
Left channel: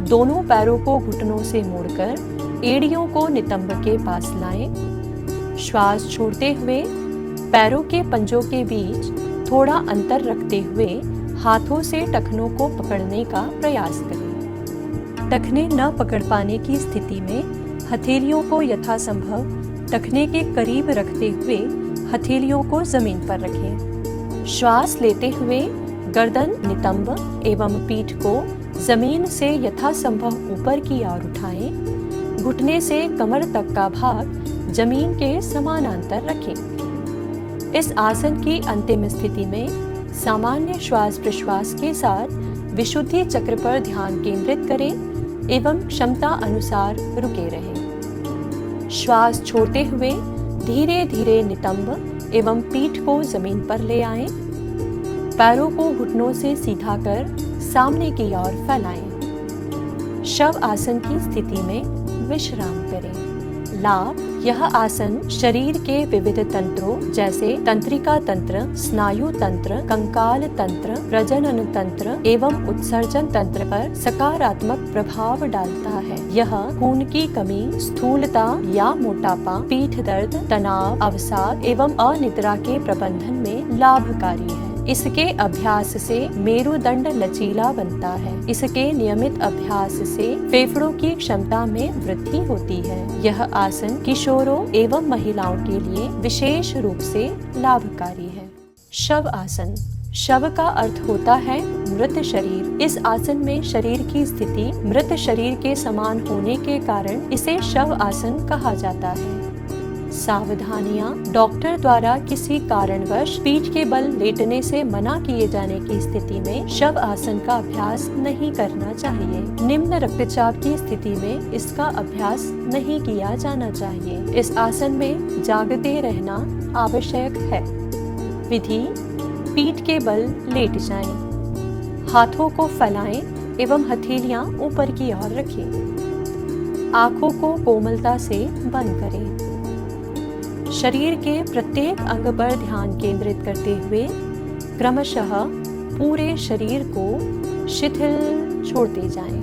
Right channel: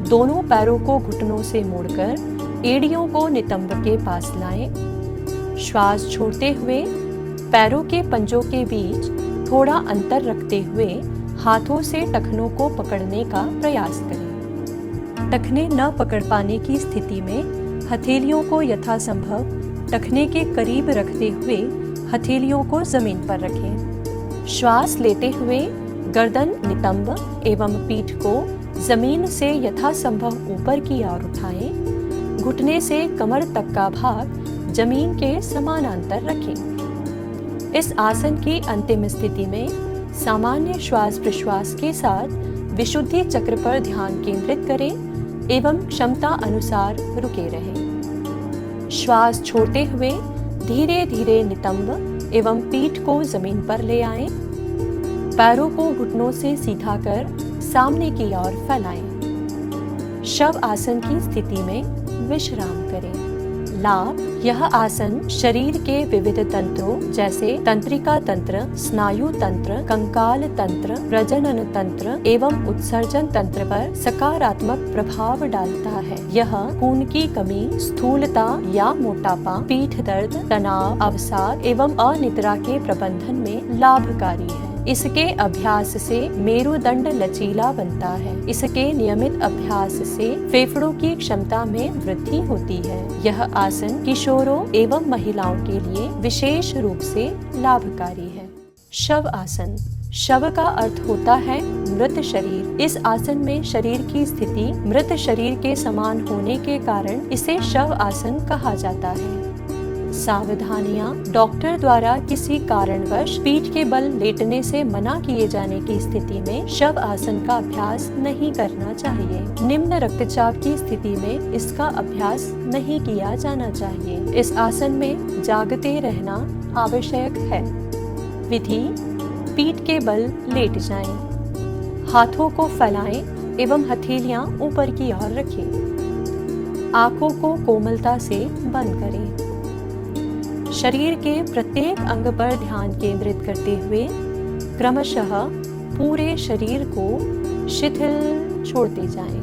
दोनों पैरों को घुटनों से मोड़कर एड़ियों को नितंब के पास लाएं। श्वास छोड़ते हुए पैरों के पंजों के बीच थोड़ा अंतर रखते हुए हाथों से टखनों को पकड़ने का प्रयास करें। टखने न पकड़ पाने की स्थिति में हथेलियों को यथासंभव टखने के करीब रखते हुए हथेलियों को जमीन पर रखें। श्वास लेते हुए गर्दन, नितंब एवं पीठ को जमीन से यथासंभव ऊपर की ओर उठाएं। घुटने से कमर तक का भाग जमीन के समानांतर रखें। इस आसन की अंतिम स्थिति में सामान्य श्वास प्रश्वास के साथ विशुद्धि चक्र पर ध्यान केंद्रित करें एवं क्षमता अनुसार रुके रहें। श्वास छोड़ते हुए धीरे धीरे नितंब एवं पीठ को जमीन पर ले आएं। पैरों को घुटनों से सीधा कर सामने की ओर फैलाएं। शव आसन की स्थिति में विश्राम करें। लाभ, यह आसन शरीर के विविध तंत्रों जैसे तंत्रिका तंत्र, स्नायु तंत्र, कंकाल तंत्र, प्रजनन तंत्र एवं उत्सर्जन तंत्र पर सकारात्मक प्रभाव डालता है। यह खून की कमी, स्थूलता या मोटापा, पीठ दर्द, तनाव, अवसाद एवं अनिद्रा के प्रबंधन में लाभकारी है। इसके अभ्यास से मेरुदंड लचीला बनता है। इसके नियमित अभ्यास से फेफड़ों की क्षमता में वृद्धि होती है। यह आसन किशोरों एवं महिलाओं के लिए विशेष रूप से लाभकारी है। शव आसन, शव का अर्थ होता है मृत शरीर। इस आसन में शरीर की स्थिति मृत शरीर के समान होने के कारण इसे शव आसन कहा जाता है। सावधानियां, डॉक्टर द्वारा किसी कारणवश पीठ के बल लेटने से मना किए जाने की स्थिति में शव आसन का अभ्यास नहीं करना चाहिए। निम्न रक्तचाप की स्थिति में इसका अभ्यास नहीं किया जाना चाहिए। इस आसन में जागते रहना आवश्यक है। विधि, पीठ के बल लेट जाएं। हाथों को फैलाएं एवं हथेलियां ऊपर की ओर रखें। आंखों को कोमलता से बंद करें। शरीर के प्रत्येक अंग पर ध्यान केंद्रित करते हुए क्रमशः पूरे शरीर को शिथिल छोड़ते जाएं।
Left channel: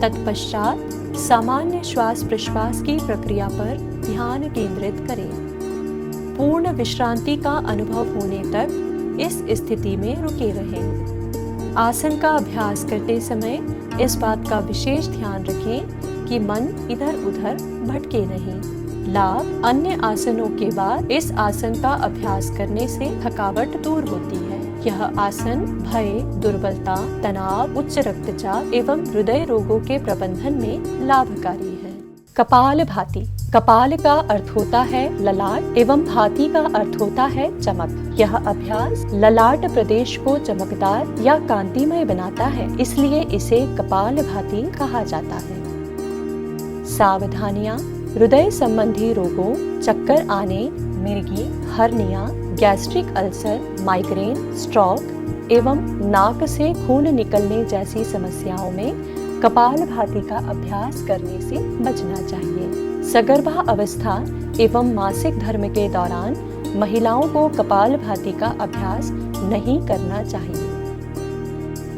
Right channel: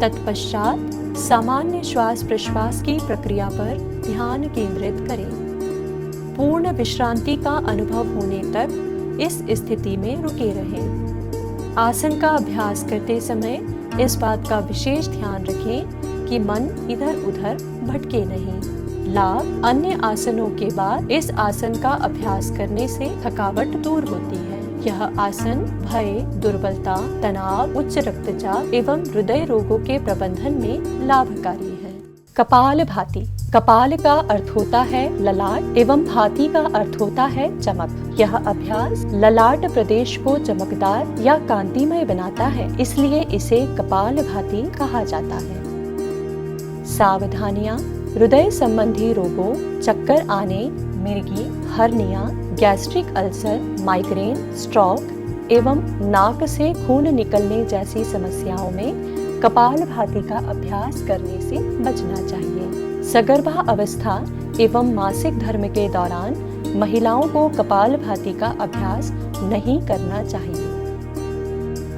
तत्पश्चात सामान्य श्वास प्रश्वास की प्रक्रिया पर ध्यान केंद्रित करें। पूर्ण विश्रांति का अनुभव होने तक इस स्थिति में रुके रहें। आसन का अभ्यास करते समय इस बात का विशेष ध्यान रखें कि मन इधर उधर भटके नहीं। लाभ, अन्य आसनों के बाद इस आसन का अभ्यास करने से थकावट दूर होती है। यह आसन भय, दुर्बलता, तनाव, उच्च रक्तचाप एवं हृदय रोगों के प्रबंधन में लाभकारी है। कपालभाति, कपाल का अर्थ होता है ललाट एवं भाति का अर्थ होता है चमक। यह अभ्यास ललाट प्रदेश को चमकदार या कांतिमय बनाता है, इसलिए इसे कपालभाति कहा जाता है। सावधानियां, हृदय संबंधी रोगों, चक्कर आने, मिर्गी, hernia, gastric ulcer, migraine, stroke एवं नाक से खून निकलने जैसी समस्याओं में कपालभाति का अभ्यास करने से बचना चाहिए। सगर्भा अवस्था एवं मासिक धर्म के दौरान महिलाओं को कपालभाति का अभ्यास नहीं करना चाहिए।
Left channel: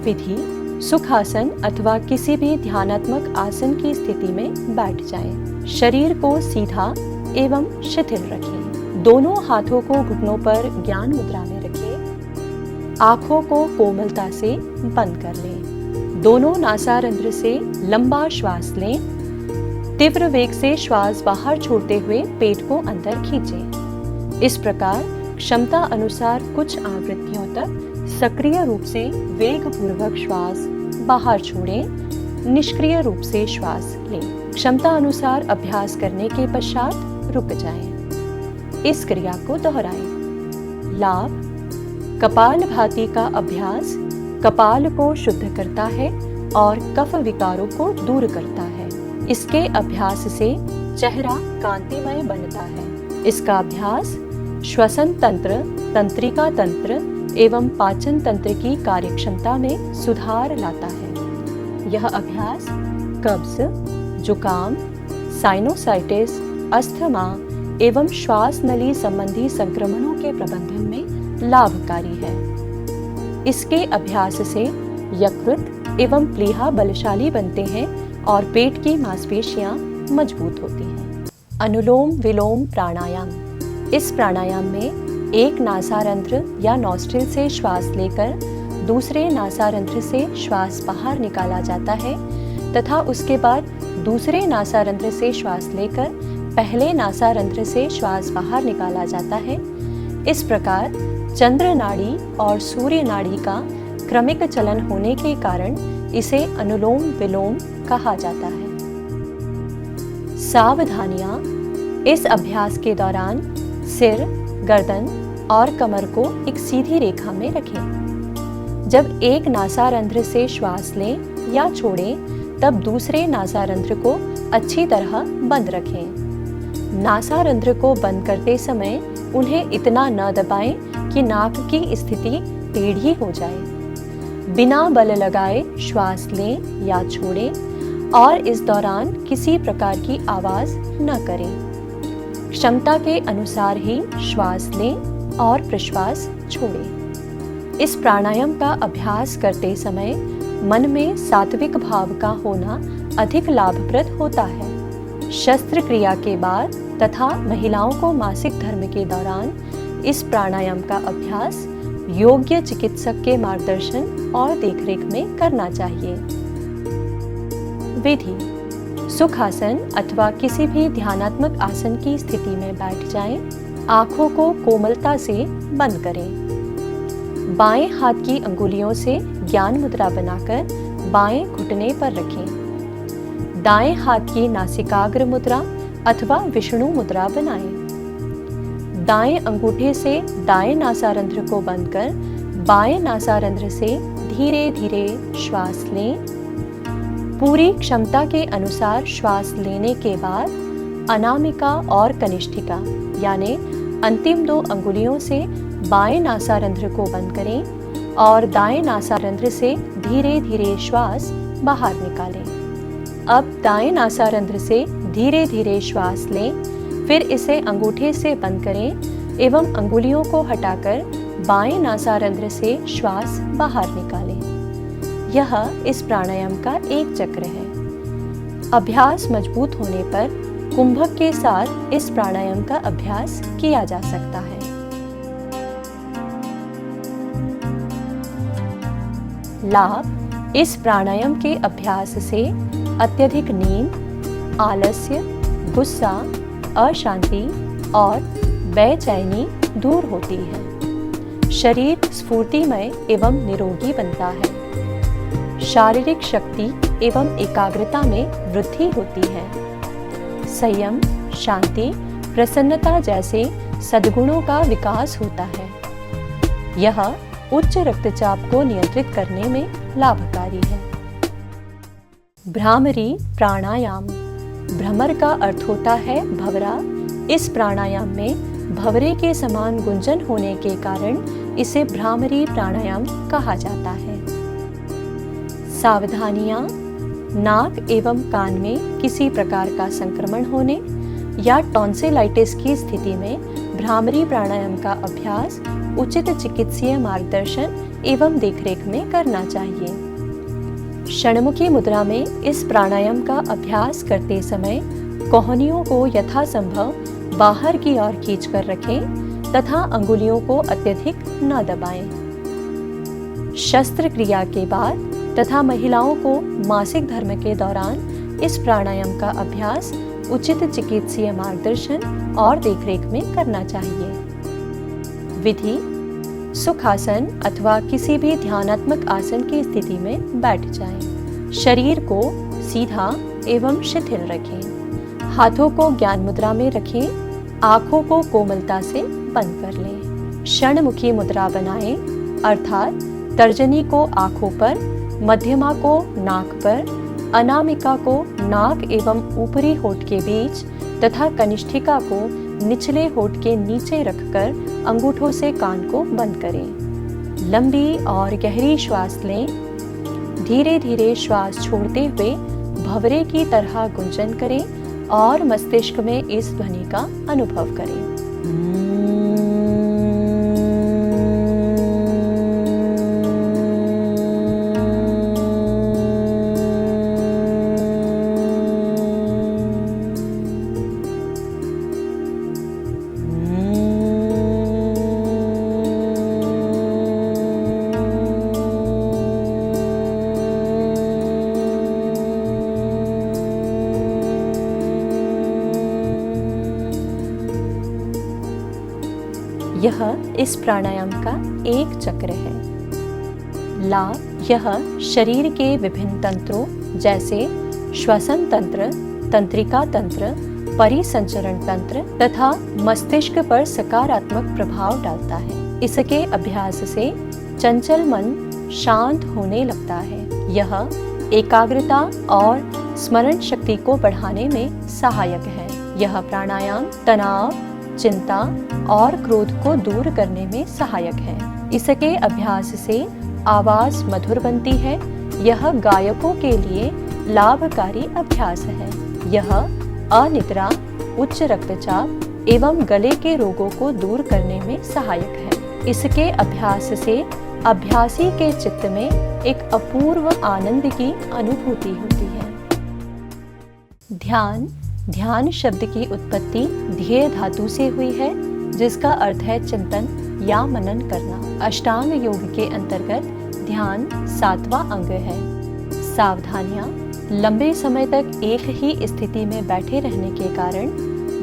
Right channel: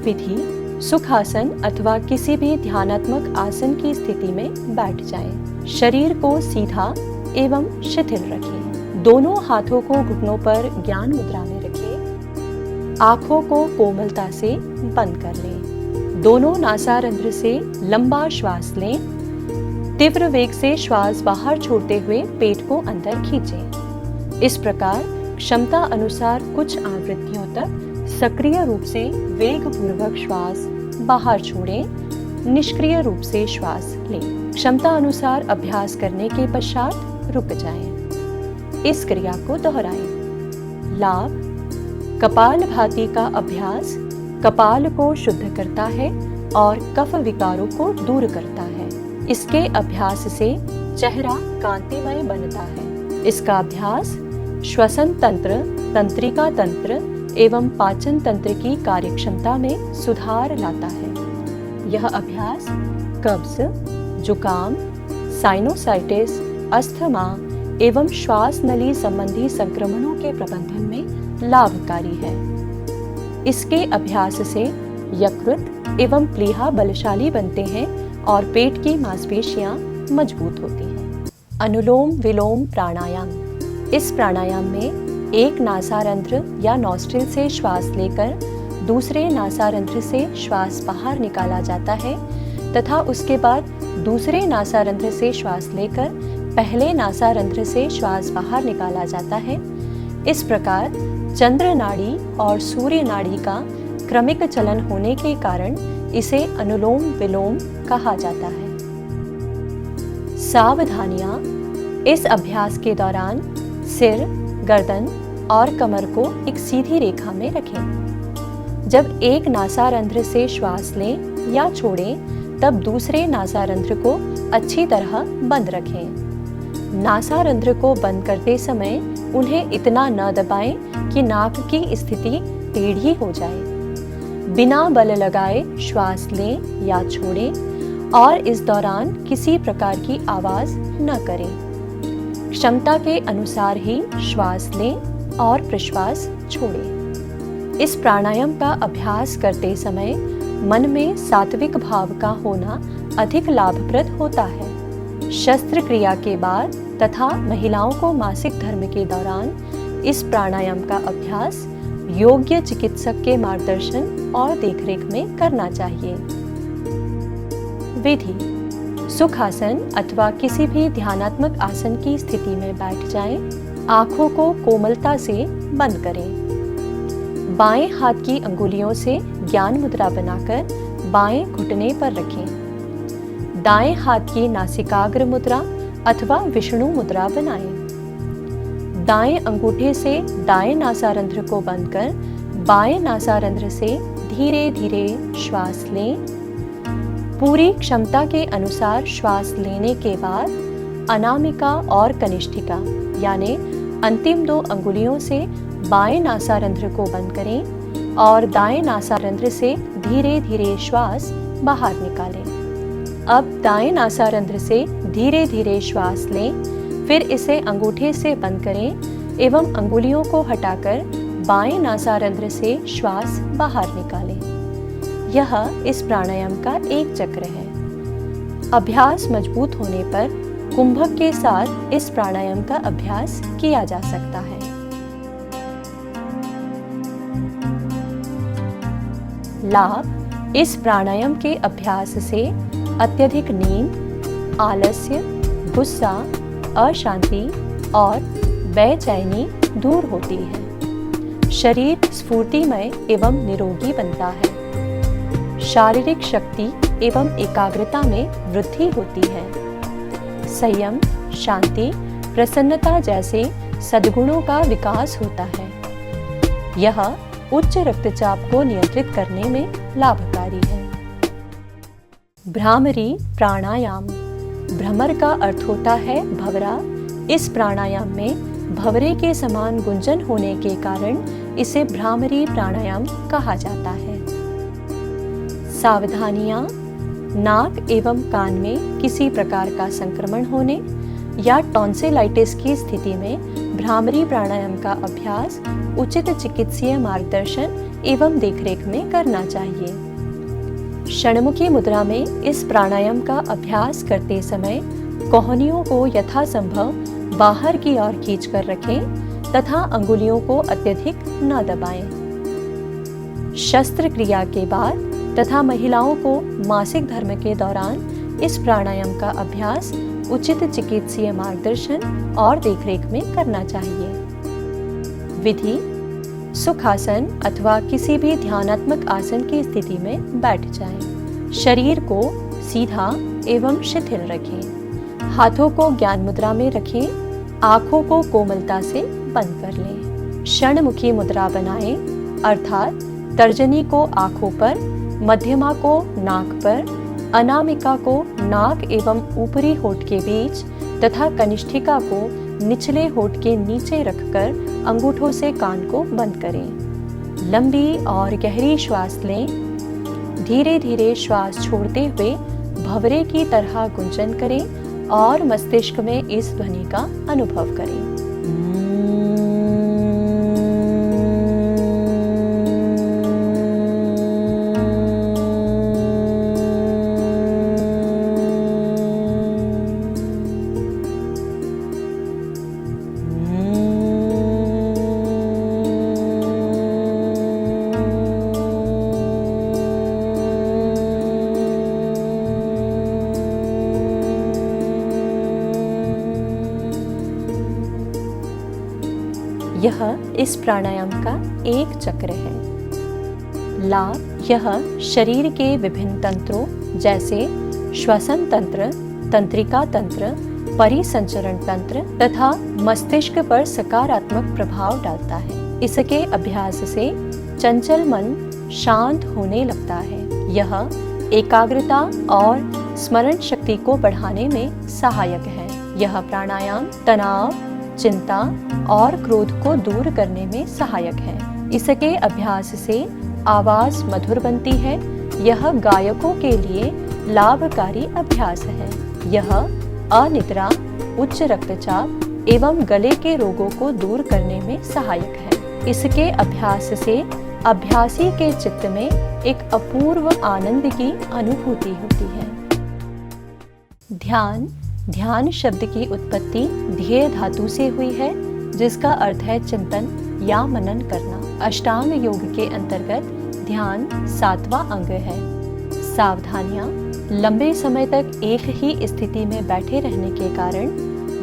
विधि, सुखासन अथवा किसी भी ध्यानात्मक आसन की स्थिति में बैठ जाएं। शरीर को सीधा एवं शिथिल रखें। दोनों हाथों को घुटनों पर ज्ञान मुद्रा में रखें। आंखों को कोमलता से बंद कर लें। दोनों नासारंध्र से लंबा श्वास लें। तीव्र वेग से श्वास बाहर छोड़ते हुए पेट को अंदर खींचें। इस प्रकार क्षमता अनुसार कुछ आवृत्तियों तक सक्रिय रूप से वेग पूर्वक श्वास बाहर छोड़ें। निष्क्रिय रूप से श्वास लें। क्षमता अनुसार अभ्यास करने के पश्चात रुक जाएं। इस क्रिया को दोहराएं। लाभ, कपालभाति का अभ्यास कपाल को शुद्ध करता है और कफ विकारों को दूर करता है। इसके अभ्यास से चेहरा कांतिमय बनता है। इसका अभ्यास श्वसन तंत्र, तंत्रिका तंत्र एवं पाचन तंत्र की कार्यक्षमता में सुधार लाता है। यह अभ्यास कब्ज, जुकाम, साइनोसाइटिस, अस्थमा एवं श्वास नली संबंधी संक्रमणों के प्रबंधन में लाभकारी है। इसके अभ्यास से यकृत एवं प्लीहा बलशाली बनते हैं और पेट की मांसपेशियां मजबूत होती हैं। अनुलोम विलोम प्राणायाम, इस प्राणायाम में एक नासारंध्र या नॉस्ट्रिल से श्वास लेकर दूसरे नासारंध्र से श्वास बाहर निकाला जाता है तथा उसके बाद दूसरे नासारंध्र से श्वास लेकर पहले नासारंध्र से श्वास बाहर निकाला जाता है। इस प्रकार चंद्र नाड़ी और सूर्य नाड़ी का क्रमिक चलन होने के कारण इसे अनुलोम विलोम कहा जाता है। सावधानियां, इस अभ्यास के दौरान सिर, गर्दन और कमर को एक सीधी रेखा में रखें। जब एक नासारंध्र से श्वास लें या छोड़ें तब दूसरे नासारंध्र को अच्छी तरह बंद रखें। नासारंध्र को बंद करते समय उन्हें इतना न दबाएं कि नाक की स्थिति टेढ़ी हो जाए। बिना बल लगाए श्वास लें या छोड़ें और इस दौरान किसी प्रकार की आवाज न करें। क्षमता के अनुसार ही श्वास लें और प्रश्वास छोड़ें। इस प्राणायाम का अभ्यास करते समय मन में सात्विक भाव का होना अधिक लाभप्रद होता है। शस्त्रक्रिया के बाद तथा महिलाओं को मासिक धर्म के दौरान इस प्राणायाम का अभ्यास योग्य चिकित्सक के मार्गदर्शन और देखरेख में करना चाहिए। विधि: सुखासन अथवा किसी भी ध्यानात्मक आसन की स्थिति में बैठ जाएं। आंखों को कोमलता से बंद करें। बाएं हाथ की अंगुलियों से ज्ञान मुद्रा बनाकर बाएं घुटने पर रखें। दाएं हाथ की नासिकाग्र मुद्रा अथवा विष्णु मुद्रा बनाएं। दाएं अंगूठे से दाएं नासारंध्र को बंद कर बाएं नासारंध्र से धीरे धीरे श्वास लें। पूरी क्षमता के अनुसार श्वास लेने के बाद अनामिका और कनिष्ठिका यानी अंतिम 2 अंगुलियों से बाएं नासारंध्र को बंद करें और दाएं नासारंध्र से धीरे धीरे श्वास बाहर निकालें। अब दाएं नासारंध्र से धीरे धीरे श्वास लें, फिर इसे अंगूठे से बंद करें एवं अंगुलियों को हटाकर बाएं नासारंध्र से श्वास बाहर निकालें। यह इस प्राणायाम का एक चक्र है। अभ्यास मजबूत होने पर कुंभक के साथ इस प्राणायाम का अभ्यास किया जा सकता है। लाभ: इस प्राणायाम के अभ्यास से अत्यधिक नींद, आलस्य, गुस्सा, अशांति और बेचैनी दूर होती है। शरीर स्फूर्तिमय एवं निरोगी बनता है। शारीरिक शक्ति एवं एकाग्रता में वृद्धि होती है। संयम, शांति, प्रसन्नता जैसे सद्गुणों का विकास होता है। यह उच्च रक्तचाप को नियंत्रित करने में लाभकारी है। भ्रामरी प्राणायाम: भ्रमर का अर्थ होता है भंवरा। इस प्राणायाम में भंवरे के समान गुंजन होने के कारण इसे भ्रामरी प्राणायाम कहा जाता है। सावधानियां: नाक एवं कान में किसी प्रकार का संक्रमण होने या टॉन्सिलाइटिस की स्थिति में भ्रामरी प्राणायाम का अभ्यास उचित चिकित्सीय मार्गदर्शन एवं देखरेख में करना चाहिए। षण्मुखी मुद्रा में इस प्राणायाम का अभ्यास करते समय कोहनियों को यथासंभव बाहर की ओर खींचकर रखें तथा अंगुलियों को अत्यधिक न दबाएं। शस्त्रक्रिया के बाद तथा महिलाओं को मासिक धर्म के दौरान इस प्राणायाम का अभ्यास उचित चिकित्सीय मार्गदर्शन और देखरेख में करना चाहिए। विधि: सुखासन अथवा किसी भी ध्यानात्मक आसन की स्थिति में बैठ जाएं। शरीर को सीधा एवं शिथिल रखें। हाथों को ज्ञान मुद्रा में रखें। आंखों को कोमलता से बंद कर लें। षण्मुखी मुद्रा बनाएं, अर्थात तर्जनी को आंखों पर, मध्यमा को नाक पर, अनामिका को नाक एवं ऊपरी होठ के बीच तथा कनिष्ठिका को निचले होठ के नीचे रखकर अंगूठों से कान को बंद करें। लंबी और गहरी श्वास लें। धीरे धीरे श्वास छोड़ते हुए भंवरे की तरह गुंजन करें और मस्तिष्क में इस ध्वनि का अनुभव करें। यह इस प्राणायाम का एक चक्र है। लाभ: यह शरीर के विभिन्न तंत्रों जैसे श्वसन तंत्र, तंत्रिका तंत्र, परिसंचरण तंत्र तथा मस्तिष्क पर सकारात्मक प्रभाव डालता है। इसके अभ्यास से चंचल मन शांत होने लगता है। यह एकाग्रता और स्मरण शक्ति को बढ़ाने में सहायक है। यह प्राणायाम तनाव, चिंता और क्रोध को दूर करने में सहायक है। इसके अभ्यास से आवाज मधुर बनती है। यह गायकों के लिए लाभकारी अभ्यास है। यह अनिद्रा, उच्च रक्तचाप एवं गले के रोगों को दूर करने में सहायक है। इसके अभ्यास से अभ्यासी के चित्त में एक अपूर्व आनंद की अनुभूति होती है। ध्यान, ध्यान शब्द की उत्पत्ति ध्येय धातु से हुई है, जिसका अर्थ है चिंतन या मनन करना। अष्टांग योग के अंतर्गत ध्यान 7वां अंग है। सावधानियां, लंबे समय तक एक ही स्थिति में बैठे रहने के कारण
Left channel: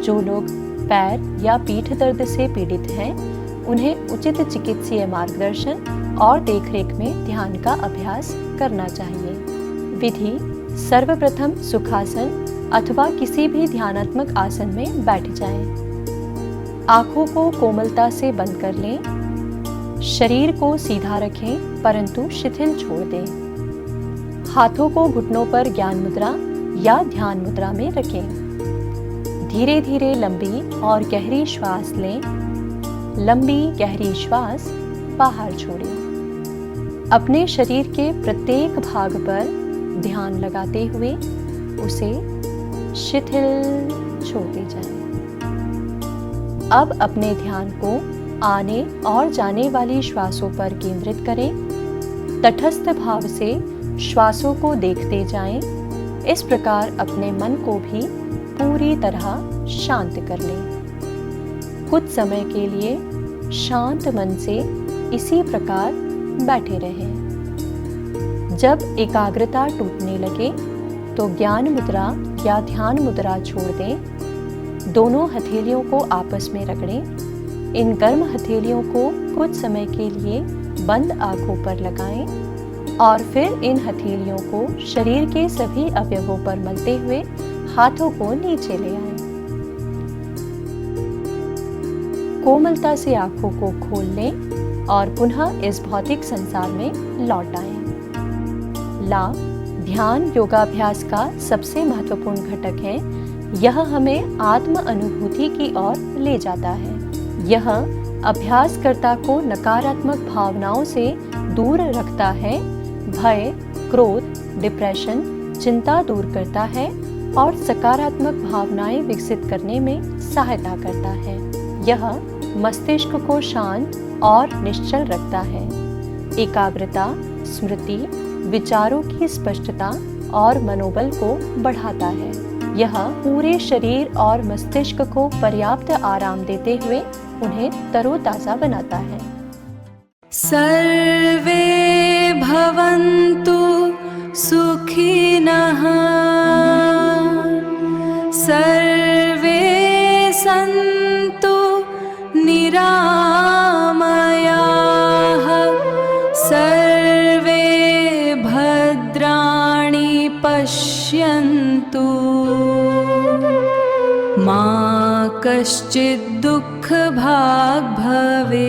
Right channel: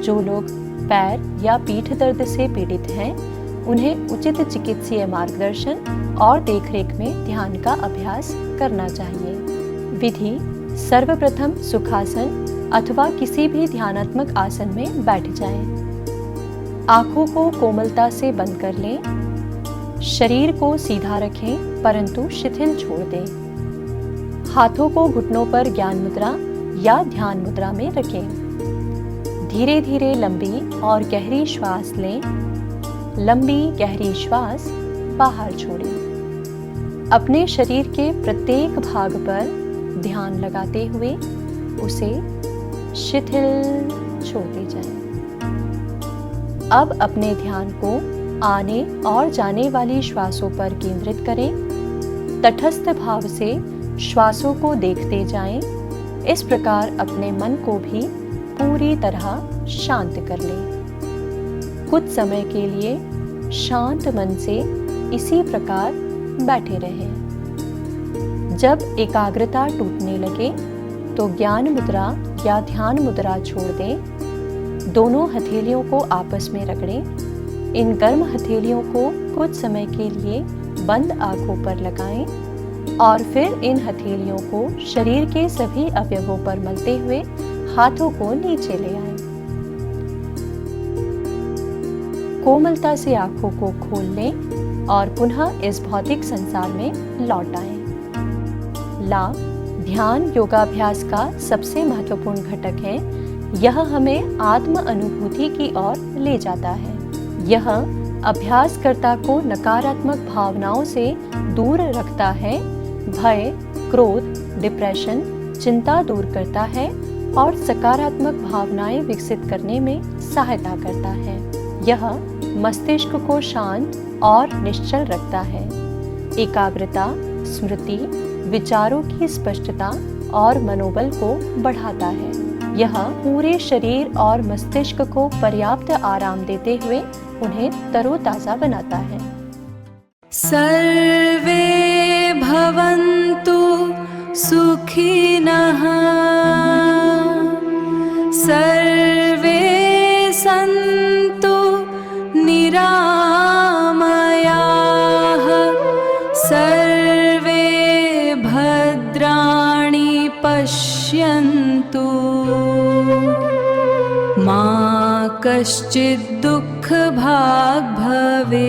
जो लोग पैर या पीठ दर्द से पीड़ित हैं, उन्हें उचित चिकित्सीय मार्गदर्शन और देखरेख में ध्यान का अभ्यास करना चाहिए। विधि: सर्वप्रथम सुखासन अथवा किसी भी ध्यानात्मक आसन में बैठ जाएं। आंखों को कोमलता से बंद कर लें। शरीर को सीधा रखें परंतु शिथिल छोड़ दें। हाथों को घुटनों पर ज्ञान मुद्रा या ध्यान मुद्रा में रखें। धीरे धीरे लंबी और गहरी श्वास लें। लंबी गहरी श्वास बाहर छोड़ें। अपने शरीर के प्रत्येक भाग पर ध्यान लगाते हुए उसे शिथिल छोड़ते जाएं। अब अपने ध्यान को आने और जाने वाली श्वासों पर केंद्रित करें। तटस्थ भाव से श्वासों को देखते जाएं। इस प्रकार अपने मन को भी पूरी तरह शांत कर लें। कुछ समय के लिए शांत मन से इसी प्रकार बैठे रहें। जब एकाग्रता टूटने लगे तो ज्ञान मुद्रा या ध्यान मुद्रा छोड़ दें। दोनों हथेलियों को आपस में रगड़ें। इन गर्म हथेलियों को कुछ समय के लिए बंद आंखों पर लगाएं और फिर इन हथेलियों को शरीर के सभी अवयवों पर मलते हुए हाथों को नीचे ले आएं। कोमलता से आंखों को खोल लें और पुनः इस भौतिक संसार में लौट आएं। लाभ: ध्यान योगाभ्यास का सबसे महत्वपूर्ण घटक है। यह हमें आत्म अनुभूति की ओर ले जाता है। यह अभ्यासकर्ता को नकारात्मक भावनाओं से दूर रखता है, भय, क्रोध, डिप्रेशन, चिंता दूर करता है और सकारात्मक भावनाएं विकसित करने में सहायता करता है। यह मस्तिष्क को शांत और निश्चल रखता है। एकाग्रता, स्मृति, विचारों की स्पष्टता और मनोबल को बढ़ाता है। यह पूरे शरीर और मस्तिष्क को पर्याप्त आराम देते हुए उन्हें तरोताजा बनाता है। सर्वे भवन्तु सुखिनः, सर्वे सन्तु निरामयाः, सर्वे भद्राणि पश्यन्तु, मा कश्चित् दुःखभाग् भवेत्।